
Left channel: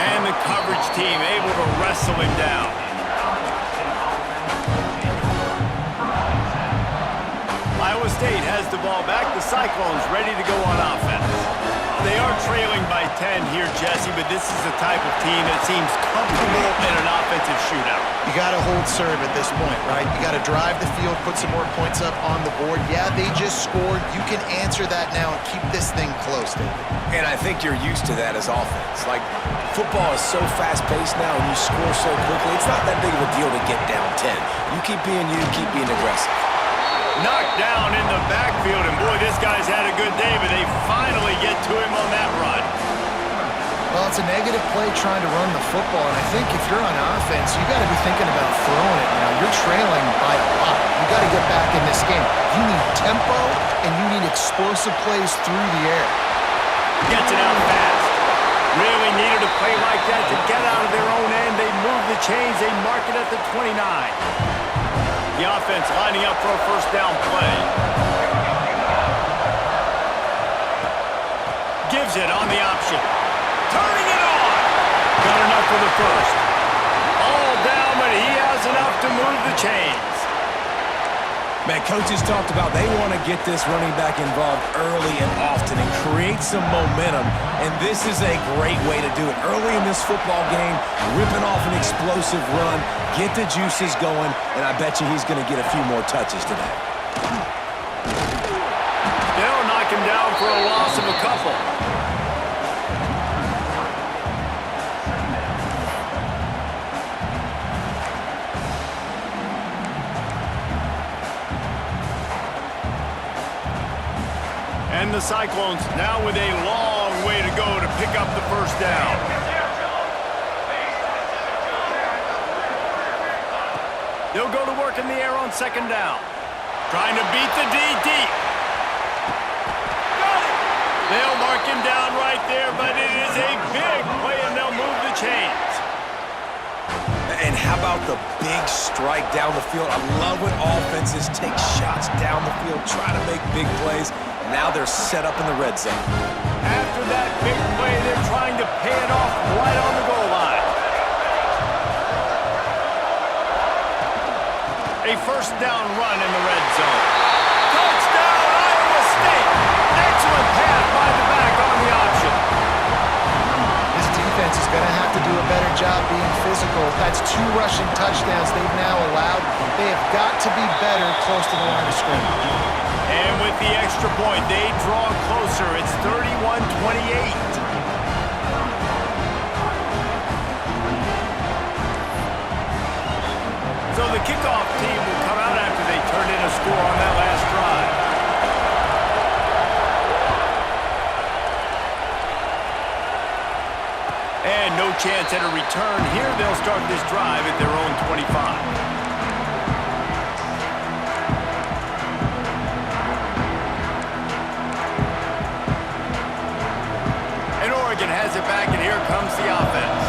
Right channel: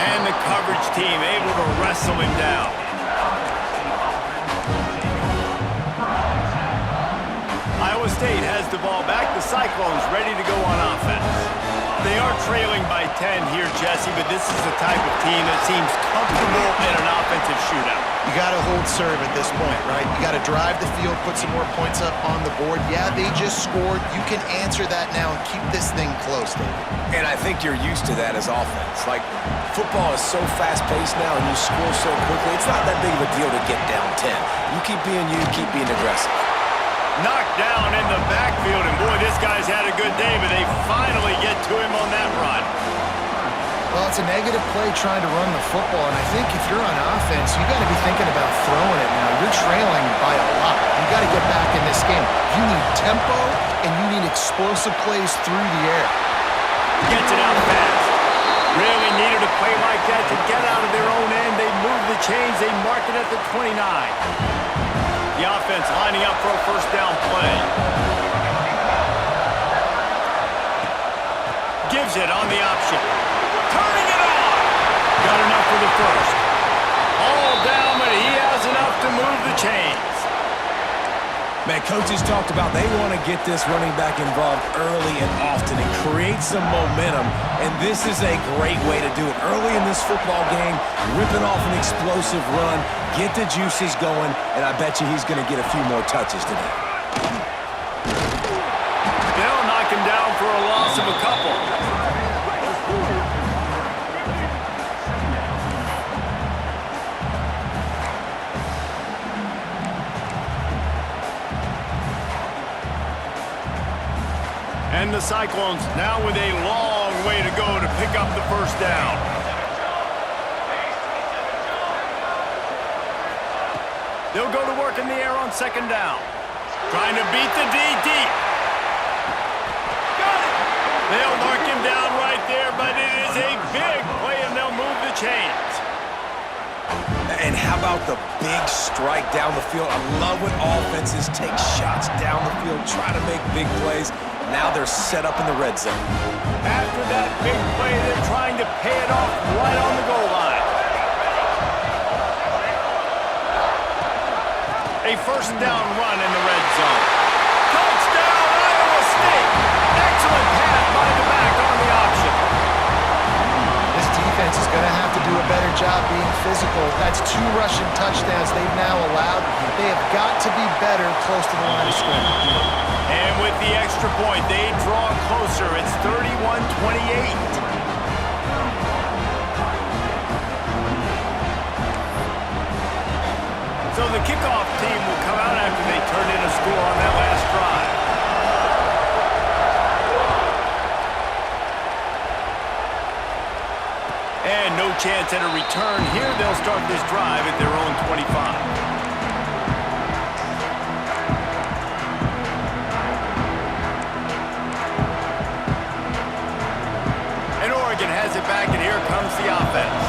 And the coverage team able to wrestle him down. Iowa State has the ball back. The Cyclones ready to go on offense. They are trailing by 10 here, Jesse, but this is the type of team that seems comfortable in an offensive shootout. You got to hold serve at this point, right? You got to drive the field, put some more points up on the board. Yeah, they just scored. You can answer that now and keep this thing close, David. And I think you're used to that as offense. Like, football is so fast-paced now and you score so quickly, it's not that big of a deal to get down 10. You keep being you, keep being aggressive. Knocked down in the backfield, and boy, this guy's had a good day, but they finally get to him on that run. Well, it's a negative play trying to run the football, and I think if you're on offense, you got to be thinking about throwing it now. You're trailing by a lot. You got to get back in this game. You need tempo, and you need explosive plays through the air. Gets it out fast. Really needed a play like that to get out of their own end. They move the chains. They mark it at the 29. The offense lining up for a first down play. Gives it on the option. Turning it on. Got enough for the first. All down, but he has enough to move the chains. Man, coaches talked about they want to get this running back involved early and often and create some momentum, and this is a great way to do it. Early in this football game, ripping off an explosive run, get the juices going, and I bet you he's going to get a few more touches today. They'll knock him down for a loss of a couple. And the Cyclones now with a long way to go to pick up the first down. They'll go to work in the air on second down. Trying to beat the D deep. Got it! They'll mark him down right there, but it is a big play, and they'll move the chains. And how about the big strike down the field? I love when offenses take shots down the field, try to make big plays. Now they're set up in the red zone. After that big play, they're trying to pay it off right on the goal line. A first down run in the red zone. Touchdown, Iowa State! Excellent pass by the back on the option. This defense is going to have to do a better job being physical. That's 2 rushing touchdowns they've now allowed. They have got to be better close to the line of scrimmage. And with the extra point, they draw closer. It's 31-28. So the kickoff team will come out after they turned in a score on that last drive. And no chance at a return here. They'll start this drive at their own 25. Oregon has it back, and here comes the offense.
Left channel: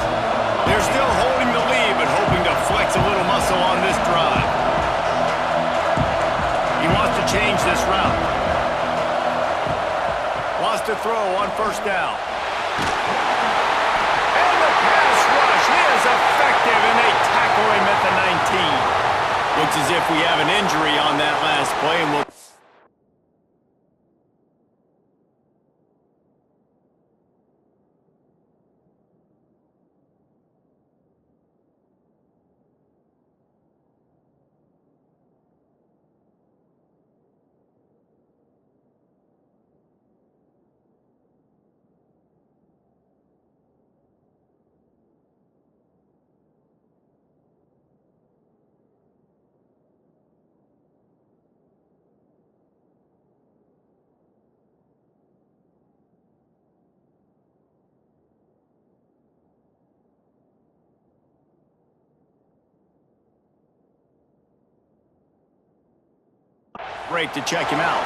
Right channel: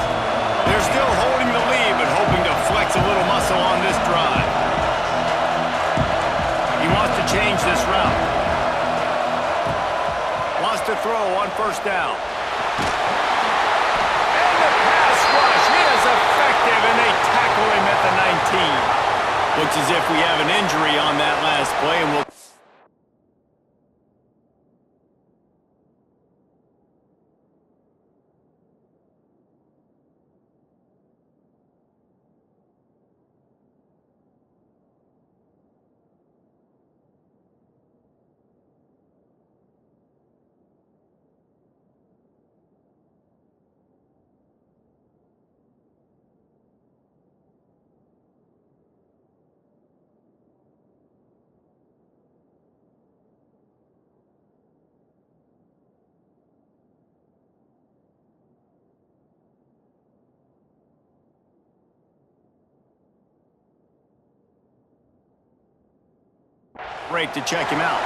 They're still holding the lead, but hoping to flex a little muscle on this drive. He wants to change this route. Wants to throw on first down. And the pass rush is effective, and they tackle him at the 19. Looks as if we have an injury on that last play, and we'll... break to check him out.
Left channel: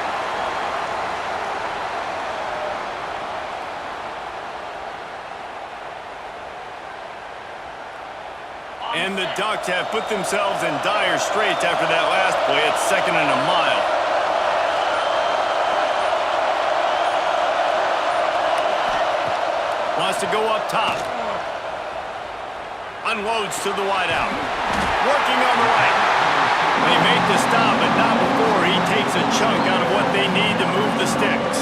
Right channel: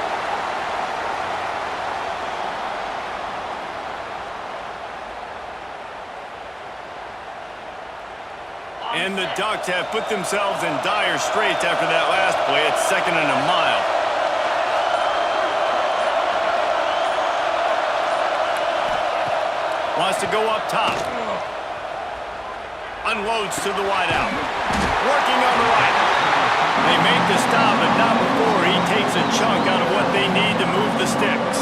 And the Ducks have put themselves in dire straits after that last play. It's 2nd and a mile. Wants to go up top. Unloads to the wideout. Working on the right. They make the stop, but not before he takes a chunk out of what they need to move the sticks.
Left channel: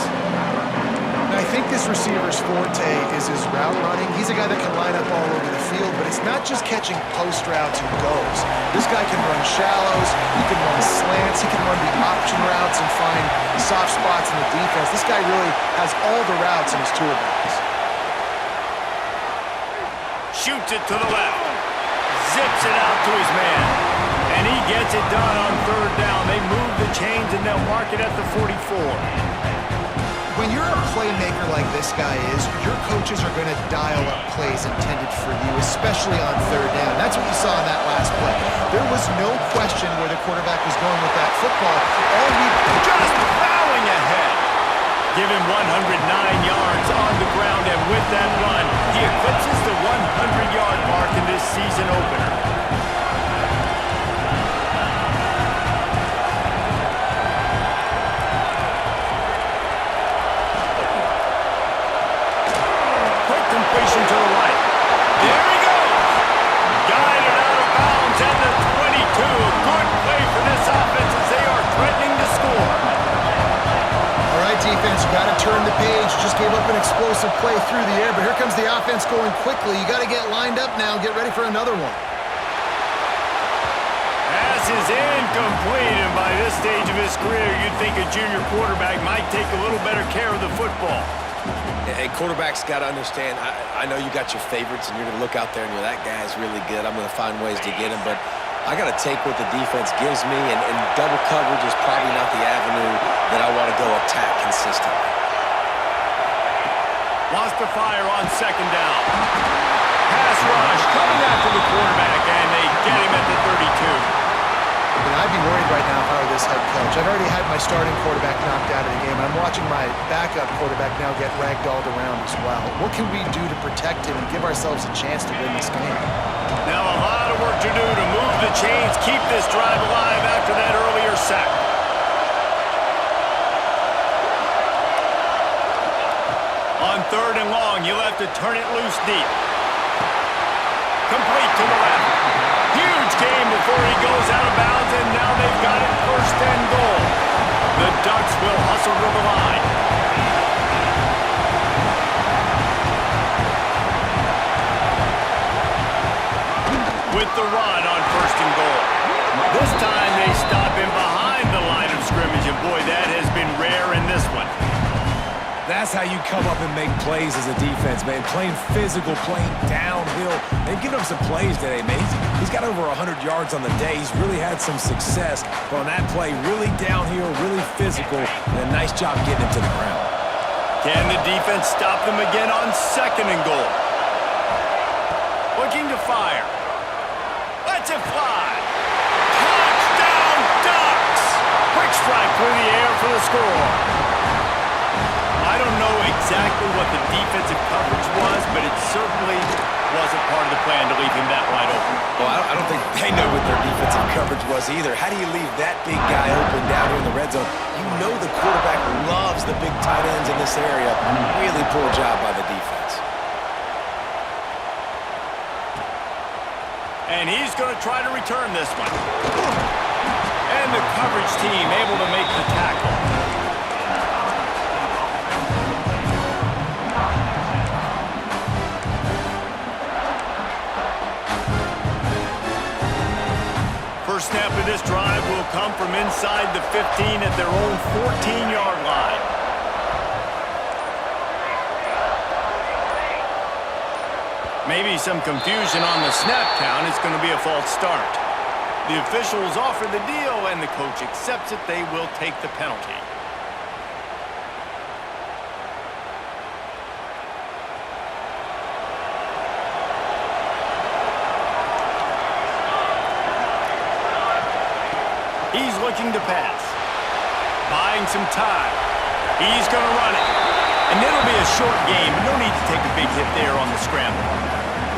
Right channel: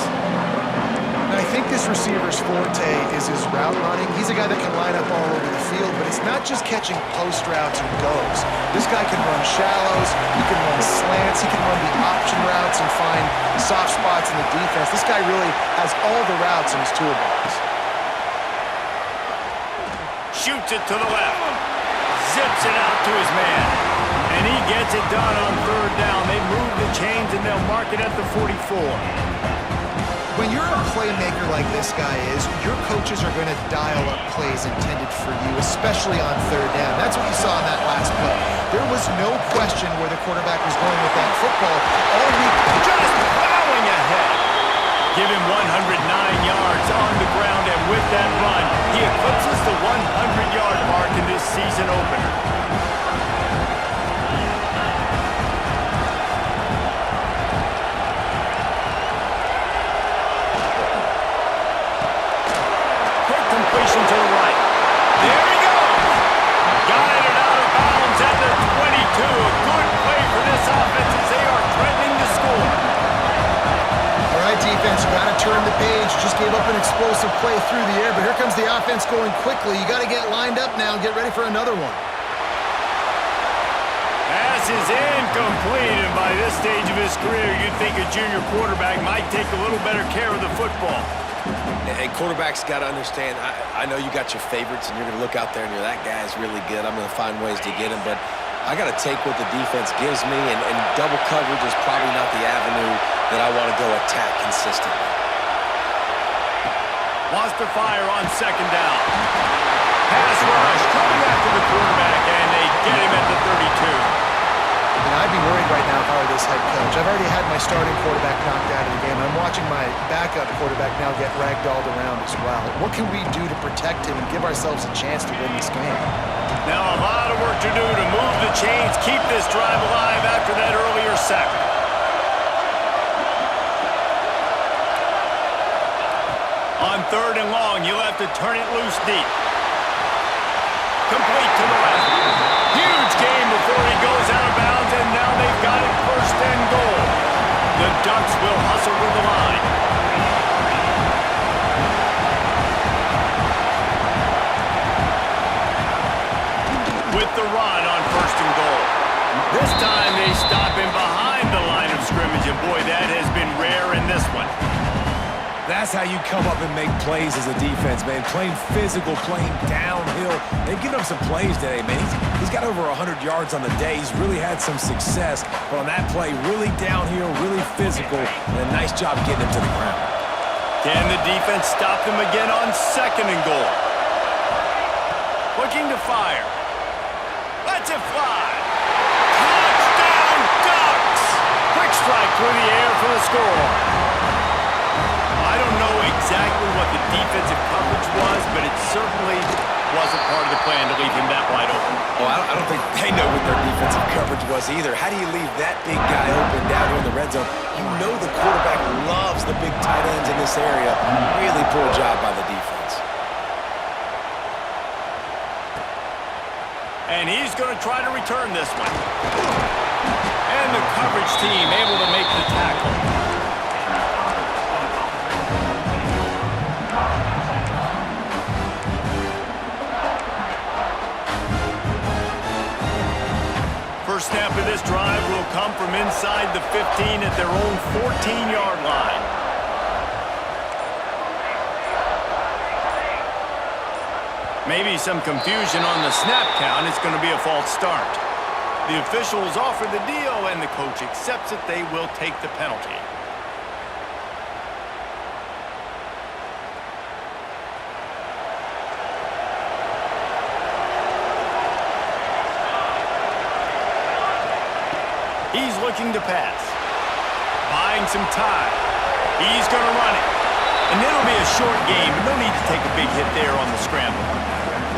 And I think this receiver's forte is his route running. He's a guy that can line up all over the field, but it's not just catching post routes and goes. This guy can run shallows, he can run slants, he can run the option routes and find soft spots in the defense. This guy really has all the routes in his toolbox. Shoots it to the left. Zips it out to his man. And he gets it done on 3rd down. They move the chains and they'll mark it at the 44. When you're a playmaker like this guy is, your coaches are going to dial up plays intended for you, especially on 3rd down. That's what you saw in that last play. There was no question where the quarterback was going with that football. All week, just plowing ahead. Give him 109 yards on the ground, and with that run, he eclipses the 100-yard mark in this season opener. Quick completion to the right. There he goes! Guided out of bounds at the 22. A good play for this offense as they are threatening to score. all right, defense, you got to turn the page. Just gave up an explosive play through the air, but here comes the offense going quickly. You got to get lined up now. Get ready for another one. Pass is incomplete, and by this stage of his career, you'd think a junior quarterback might take a little better care of the football. Hey, quarterbacks got to understand, I know you got your favorites, and you're going to look out there and you're, that guy's really good. I'm going to find ways to get him, but I got to take what the defense gives me, and double coverage is probably not the avenue that I want to go attack consistently. Wants to fire on 2nd down. Pass rush coming after the quarterback, and they get him at the 32. I'd be worried right now if I were this head coach. I've already had my starting quarterback knocked out of the game, and I'm watching my backup quarterback now get ragdolled around as well. What can we do to protect him and give ourselves a chance to win this game? Now a lot of work to do to move the chains, keep this drive alive after that earlier sack. On 3rd and long, you'll have to turn it loose deep. Complete to the left. Huge game before he goes out of bounds, and now they've got it 1st and goal. The Ducks will hustle to the line. With the run on 1st and goal. This time they stop him behind the line of scrimmage, and boy, that has been rare in this one. That's how you come up and make plays as a defense, man. Playing physical, playing downhill. They've given him some plays today, man. He's got over 100 yards on the day. He's really had some success. But on that play, really downhill, really physical, and a nice job getting him to the ground. Can the defense stop them again on 2nd and goal? Looking to fire. Lets it fly. Touchdown, Ducks! Quick strike through the air for the score. I don't know exactly what the defensive coverage was, but it certainly wasn't part of the plan to leave him that wide open. Well, I don't think they know what their defensive coverage was either. How do you leave that big guy open down here in the red zone? You know the quarterback loves the big tight ends in this area. Really poor job by the defense. And he's going to try to return this one. And the coverage team able to make the tackle. First snap of this drive will come from inside the 15 at their own 14-yard line. Maybe some confusion on the snap count. It's going to be a false start. The officials offer the deal, and the coach accepts it. They will take the penalty. He's looking to pass. buying some time. He's going to run it. And it'll be a short game, but no need to take a big hit there on the scramble.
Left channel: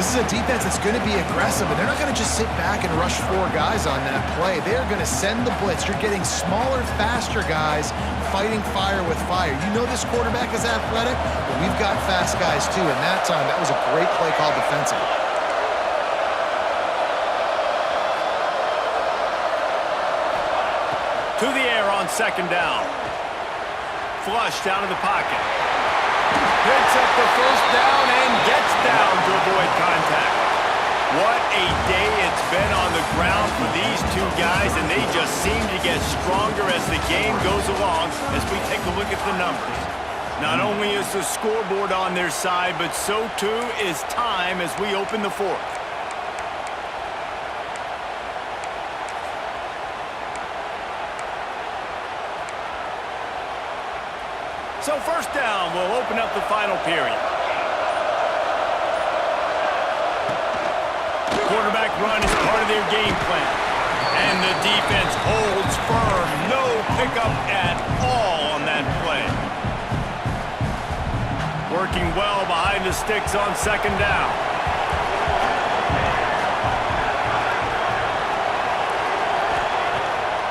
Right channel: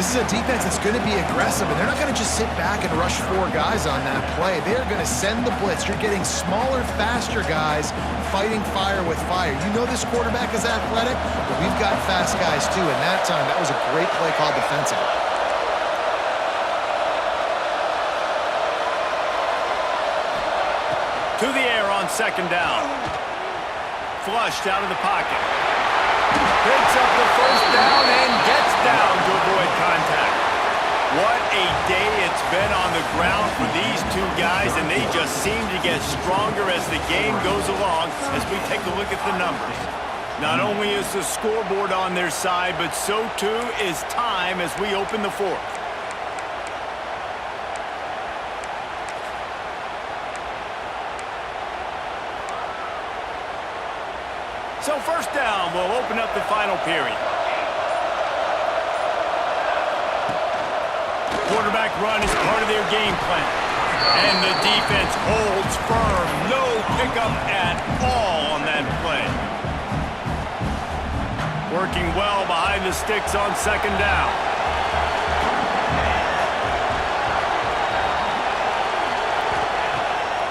This is a defense that's going to be aggressive, and they're not going to just sit back and rush 4 guys on that play. They're going to send the blitz. You're getting smaller, faster guys fighting fire with fire. You know this quarterback is athletic, but we've got fast guys too, and that time, that was a great play call defensively. To the air on second down. Flushed out of the pocket. Picks up the first down and gets down to avoid contact. What a day it's been on the ground for these two guys, and they just seem to get stronger as the game goes along as we take a look at the numbers. Not only is the scoreboard on their side, but so too is time as we open the fourth. So first down will open up the final period. Quarterback run is part of their game plan. And the defense holds firm. No pickup at all on that play. Working well behind the sticks on second down.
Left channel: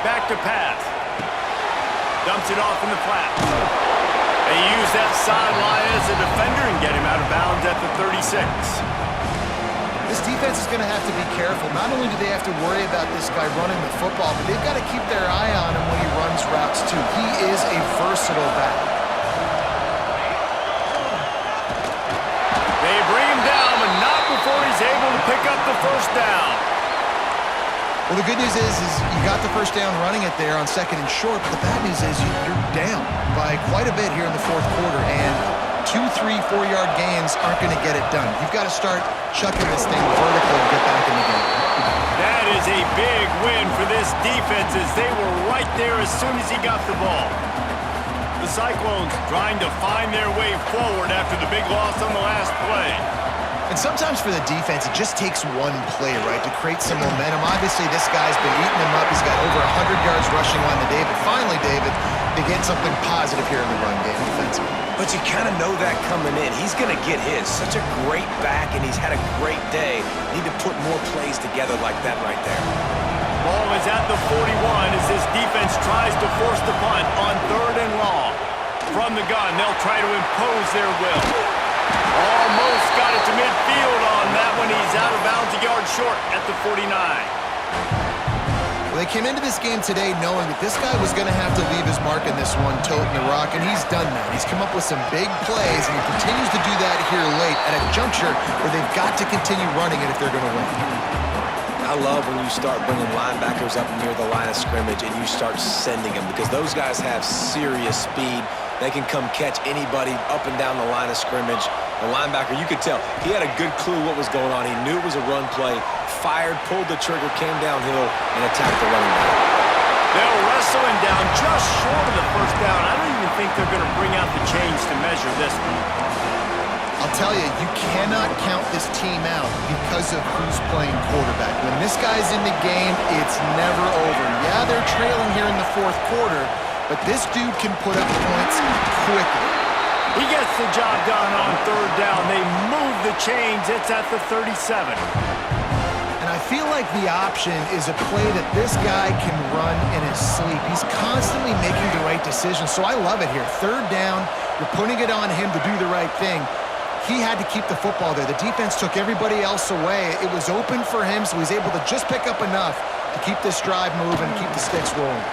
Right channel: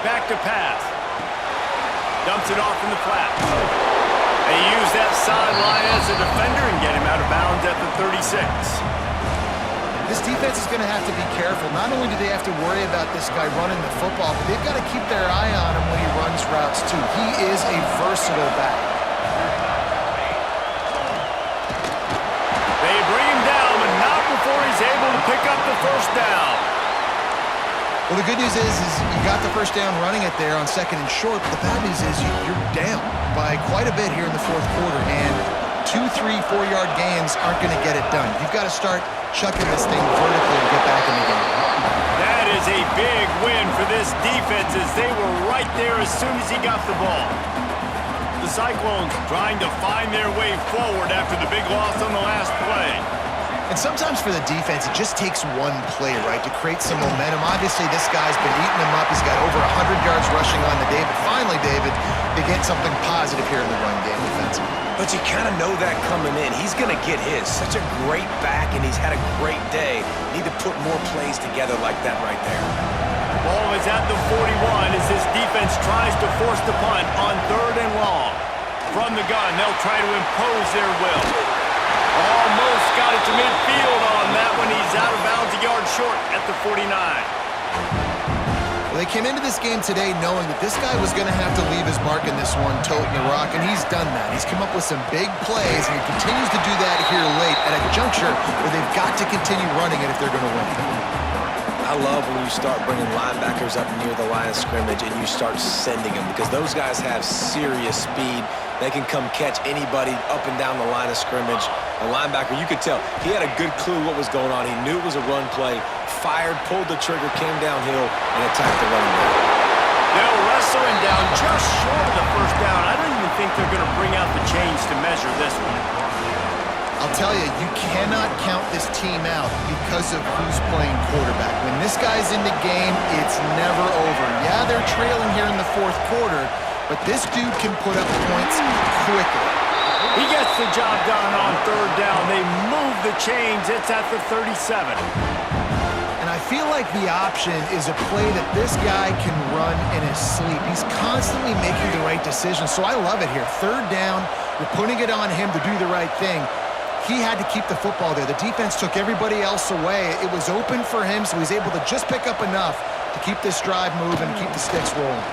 Back to pass. Dumps it off in the flat. They use that sideline as a defender and get him out of bounds at the 36. This defense is going to have to be careful. Not only do they have to worry about this guy running the football, but they've got to keep their eye on him when he runs routes too. He is a versatile back. They bring him down, but not before he's able to pick up the first down. Well, the good news is you got the first down running it there on second and short, but the bad news is you're down by quite a bit here in the fourth quarter, and 2, 3, 4-yard gains aren't going to get it done. You've got to start chucking this thing vertically and get back in the game. That is a big win for this defense as they were right there as soon as he got the ball. The Cyclones trying to find their way forward after the big loss on the last play. And sometimes for the defense, it just takes one play, right, to create some momentum. Obviously, this guy's been eating him up. He's got over 100 yards rushing on the day. But finally, David, they get something positive here in the run game defensively. But you kind of know that coming in. He's going to get his. Such a great back, and he's had a great day. Need to put more plays together like that right there. Ball is at the 41 as this defense tries to force the punt on 3rd and long. From the gun, they'll try to impose their will. Almost got it to midfield on that one. He's out of bounds a yard short at the 49. Well, they came into this game today knowing that this guy was going to have to leave his mark in this one, toting the rock, and he's done that. He's come up with some big plays, and he continues to do that here late at a juncture where they've got to continue running it if they're going to win. I love when you start bringing linebackers up near the line of scrimmage and you start sending them, because those guys have serious speed. They can come catch anybody up and down the line of scrimmage. The linebacker, you could tell, he had a good clue what was going on. He knew it was a run play, fired, pulled the trigger, came downhill, and attacked the running back. They'll wrestle him down just short of the first down. I don't even think they're going to bring out the chains to measure this one. I'll tell you, you cannot count this team out because of who's playing quarterback. When this guy's in the game, it's never over. Yeah, they're trailing here in the fourth quarter, but this dude can put up points quickly. He gets the job done on 3rd down. They move the chains. It's at the 37. And I feel like the option is a play that this guy can run in his sleep. He's constantly making the right decision, so I love it here. 3rd down, you're putting it on him to do the right thing. He had to keep the football there. The defense took everybody else away. It was open for him, so he's able to just pick up enough to keep this drive moving and keep the sticks rolling.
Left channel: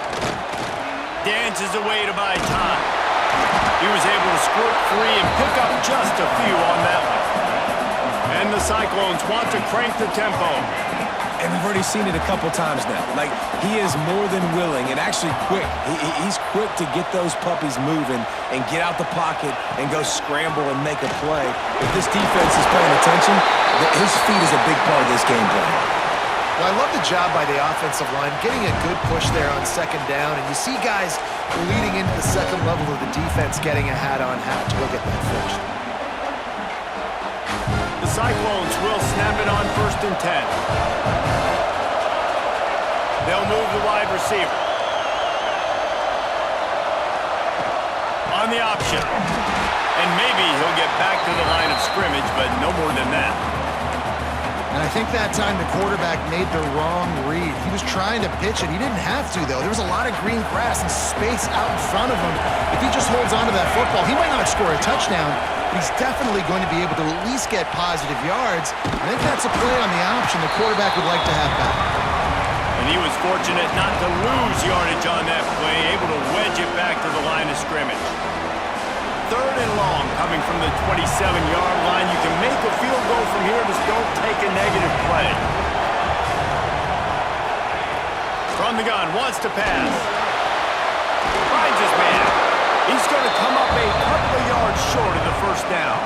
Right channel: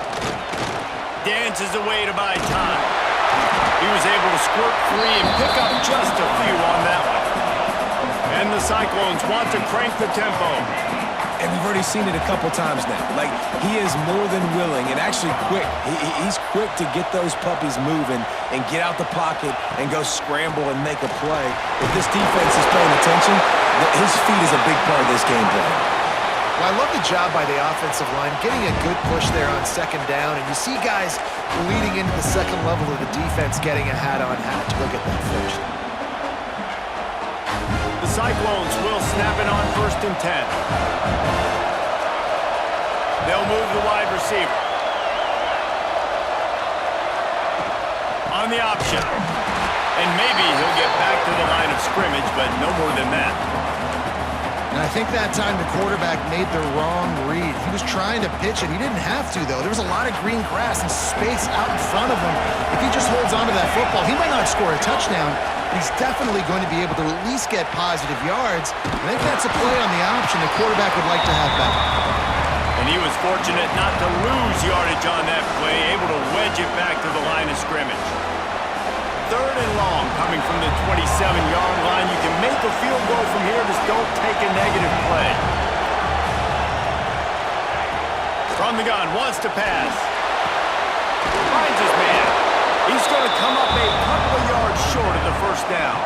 Dances away to buy time. He was able to squirt free and pick up just a few on that one. And the Cyclones want to crank the tempo. And we've already seen it a couple times now. Like, he is more than willing and actually quick. He's quick to get those puppies moving and get out the pocket and go scramble and make a play. If this defense is paying attention, his feet is a big part of this game plan. Well, I love the job by the offensive line, getting a good push there on 2nd down, and you see guys leading into the second level of the defense getting a hat-on-hat to go get that first. The Cyclones will snap it on 1st and 10. They'll move the wide receiver. on the option. And maybe he'll get back to the line of scrimmage, but no more than that. And I think that time the quarterback made the wrong read. He was trying to pitch it. He didn't have to, though. There was a lot of green grass and space out in front of him. If he just holds on to that football, he might not score a touchdown, but he's definitely going to be able to at least get positive yards. I think that's a play on the option the quarterback would like to have back. And he was fortunate not to lose yardage on that play, able to wedge it back to the line of scrimmage. 3rd and long coming from the 27-yard line. You can make a field goal from here, just don't take a negative play. From the gun, wants to pass. Finds his man. He's going to come up a couple of yards short of the first down.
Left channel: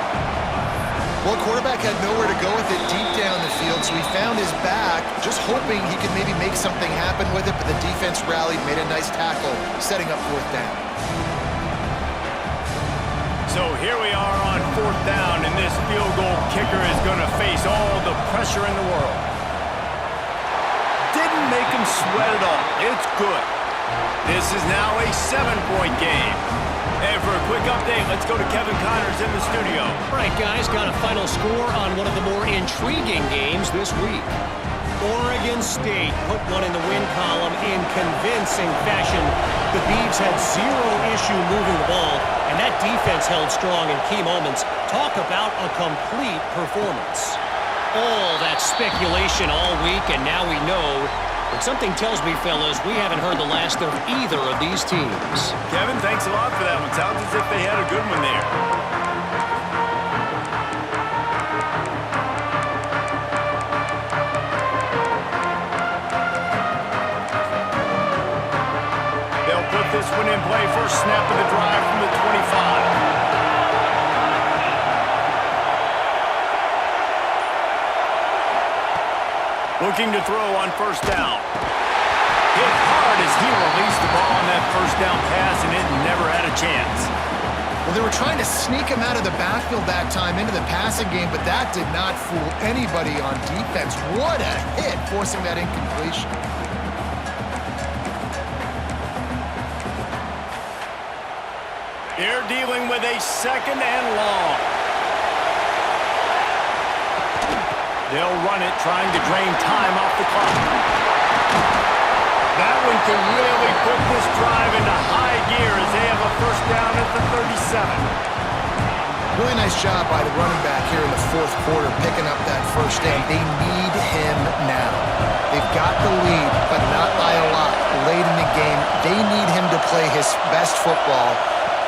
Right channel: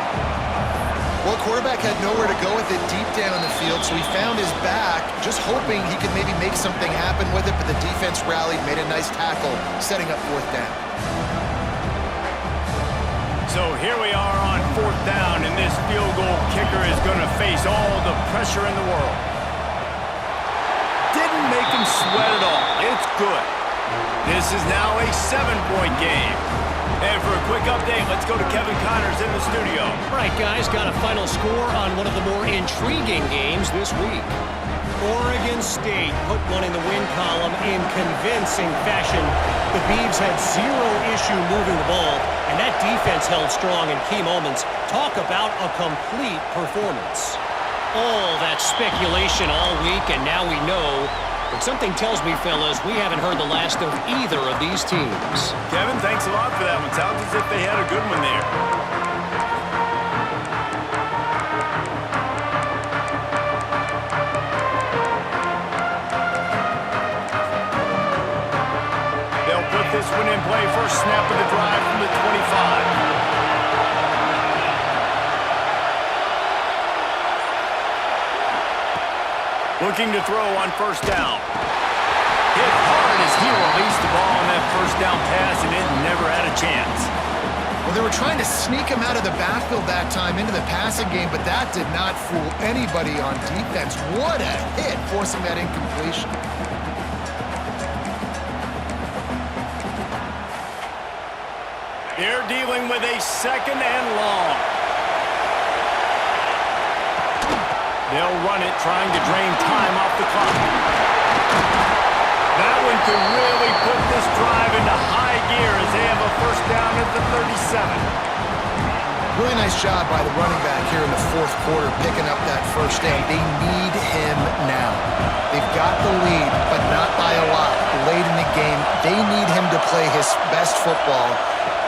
Well, quarterback had nowhere to go with it deep down the field, so he found his back, just hoping he could maybe make something happen with it, but the defense rallied, made a nice tackle, setting up 4th down. So here we are on 4th down, and this field goal kicker is going to face all the pressure in the world. Didn't make him sweat at all. It's good. This is now a 7-point game. And for a quick update, let's go to Kevin Connors in the studio. All right, guys, got a final score on one of the more intriguing games this week. Oregon State put one in the win column in convincing fashion. The Beavs had 0 issue moving the ball, and that defense held strong in key moments. Talk about a complete performance. All that speculation all week, and now we know. But something tells me, fellas, we haven't heard the last of either of these teams. Kevin, thanks a lot for that one. Sounds as if they had a good one there. They'll put this one in play. First snap of the drive from the 25. Looking to throw on first down. Hit hard as he released the ball on that first down pass, and it never had a chance. Well, they were trying to sneak him out of the backfield that time into the passing game, but that did not fool anybody on defense. What a hit, forcing that incompletion. They're dealing with a 2nd and long. They'll run it, trying to drain time off the clock. That one could really put this drive into high gear as they have a first down at the 37. Really nice job by the running back here in the 4th quarter, picking up that first down. They need him now. They've got the lead, but not by a lot. Late in the game, they need him to play his best football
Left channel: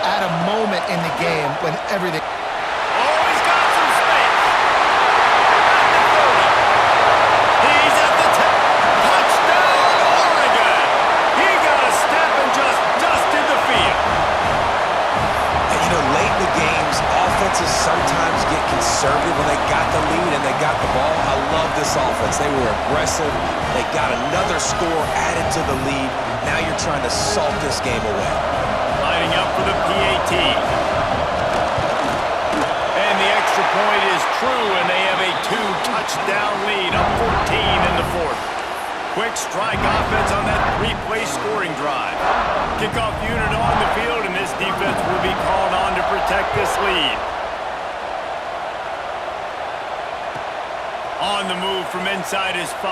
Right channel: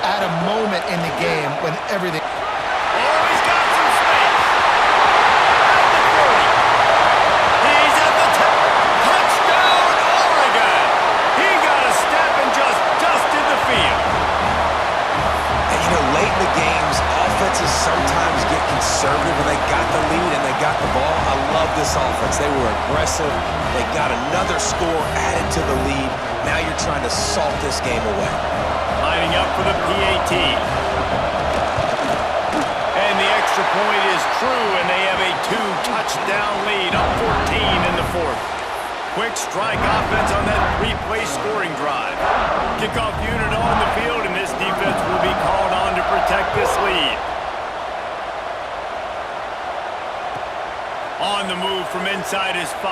at a moment in the game when everything... Oh, he's got some space. At the 30. He's at the 10. Touchdown, Oregon. He got a step and just dusted the field. And, you know, late in the games, offenses sometimes get conservative when they got the lead and they got the ball. I love this offense. They were aggressive. They got another score added to the lead. Now you're trying to salt this game away. Lining up for the PAT. And the extra point is true, and they have a 2-touchdown lead, up 14 in the 4th. Quick strike offense on that 3-play scoring drive. Kickoff unit on the field, and this defense will be called on to protect this lead. On the move from inside his 5.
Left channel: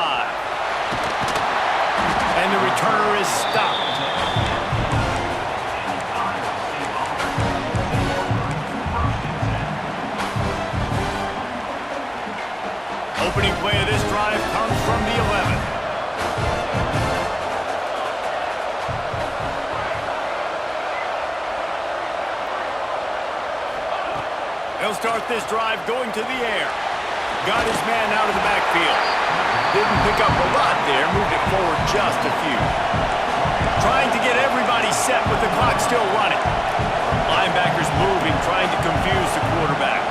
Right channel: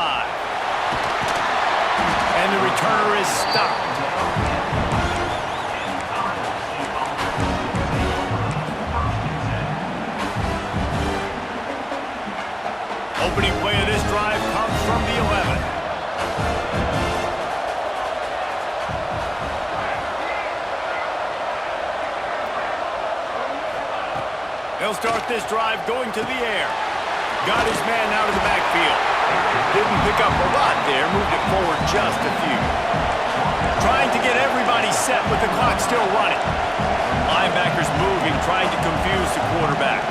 And the returner is stopped. Opening play of this drive comes from the 11. He'll start this drive going to the air. Got his man out of the backfield. Didn't pick up a lot there, moved it forward just a few. Trying to get everybody set with the clock still running. Linebackers moving, trying to confuse the quarterback.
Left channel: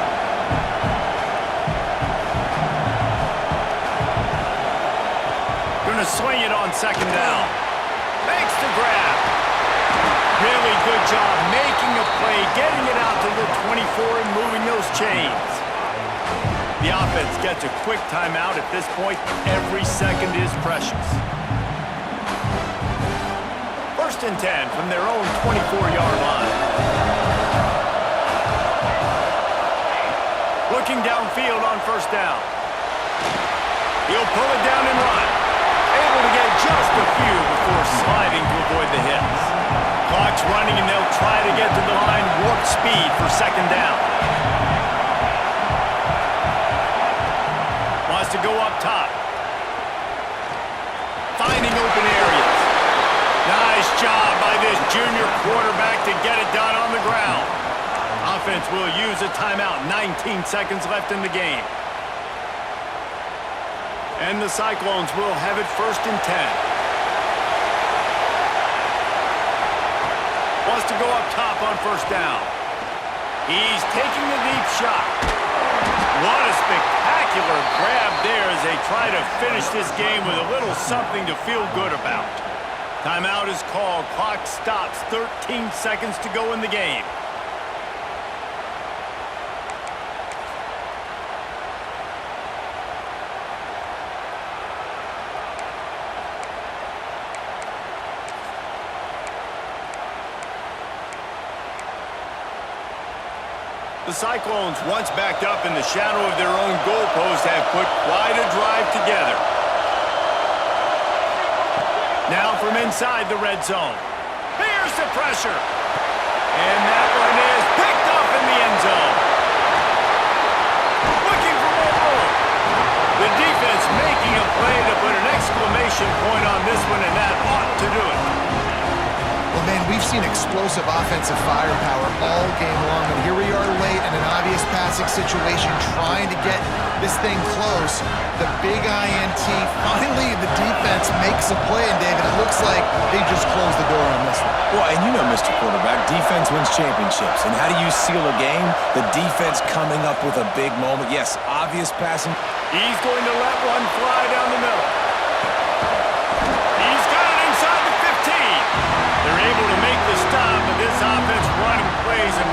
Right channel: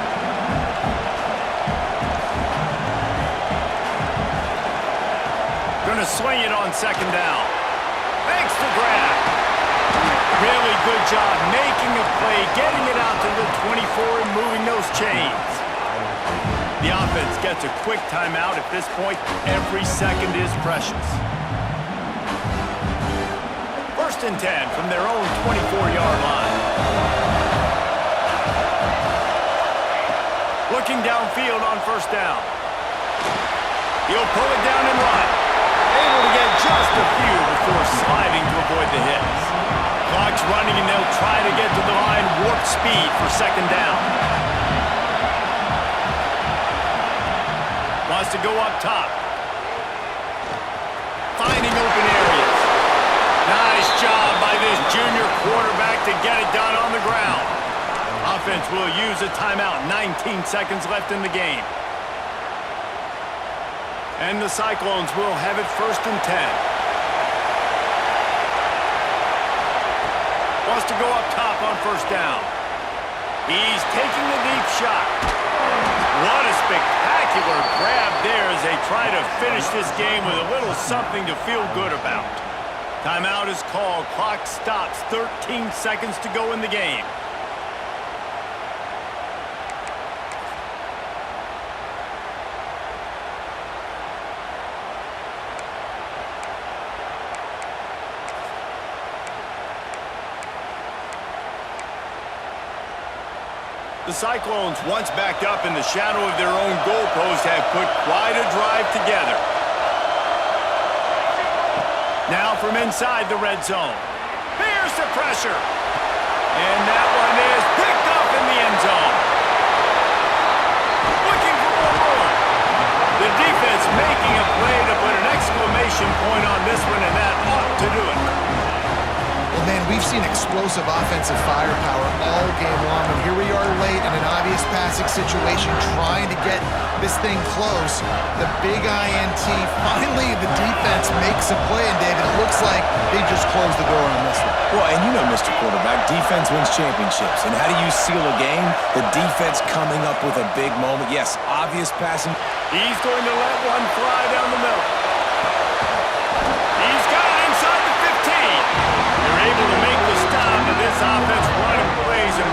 Going to swing it on 2nd down. Makes the grab. Really good job making a play, getting it out to the 24 and moving those chains. The offense gets a quick timeout. At this point, every second is precious. 1st and 10 from their own 24-yard line. Looking downfield on first down. He'll pull it down and run. Able to get just a few before sliding to avoid the hits. Clock's running, and they'll try to get to the line warp speed for second down. Wants to go up top. Finding open areas. Nice job by this junior quarterback to get it done on the ground. Offense will use a timeout. 19 seconds left in the game. And the Cyclones will have it 1st and 10. Wants to go up top on first down. He's taking the deep shot. What a spectacular grab there as they try to finish this game with a little something to feel good about. Timeout is called. Clock stops. 13 seconds to go in the game. The Cyclones, once backed up in the shadow of their own goalpost, have put quite a drive together. Now from inside the red zone. Here's the pressure. And that one is picked up in the end zone. Looking for more room. The defense making a play to put an exclamation point on this one, and that ought to do it. Well, man, we've seen explosive offensive firepower all game long, and here we are late in an obvious passing situation trying to get this thing close. The big INT, finally the defense makes a play, and David, it looks like they just closed the door on this one. Well, and you know, Mr. Quarterback, defense wins championships. And how do you seal a game? The defense coming up with a big moment. Yes, obvious passing. He's going to let one fly down the middle. He's got it inside the 15. They're able to make the stop, and this offense running plays and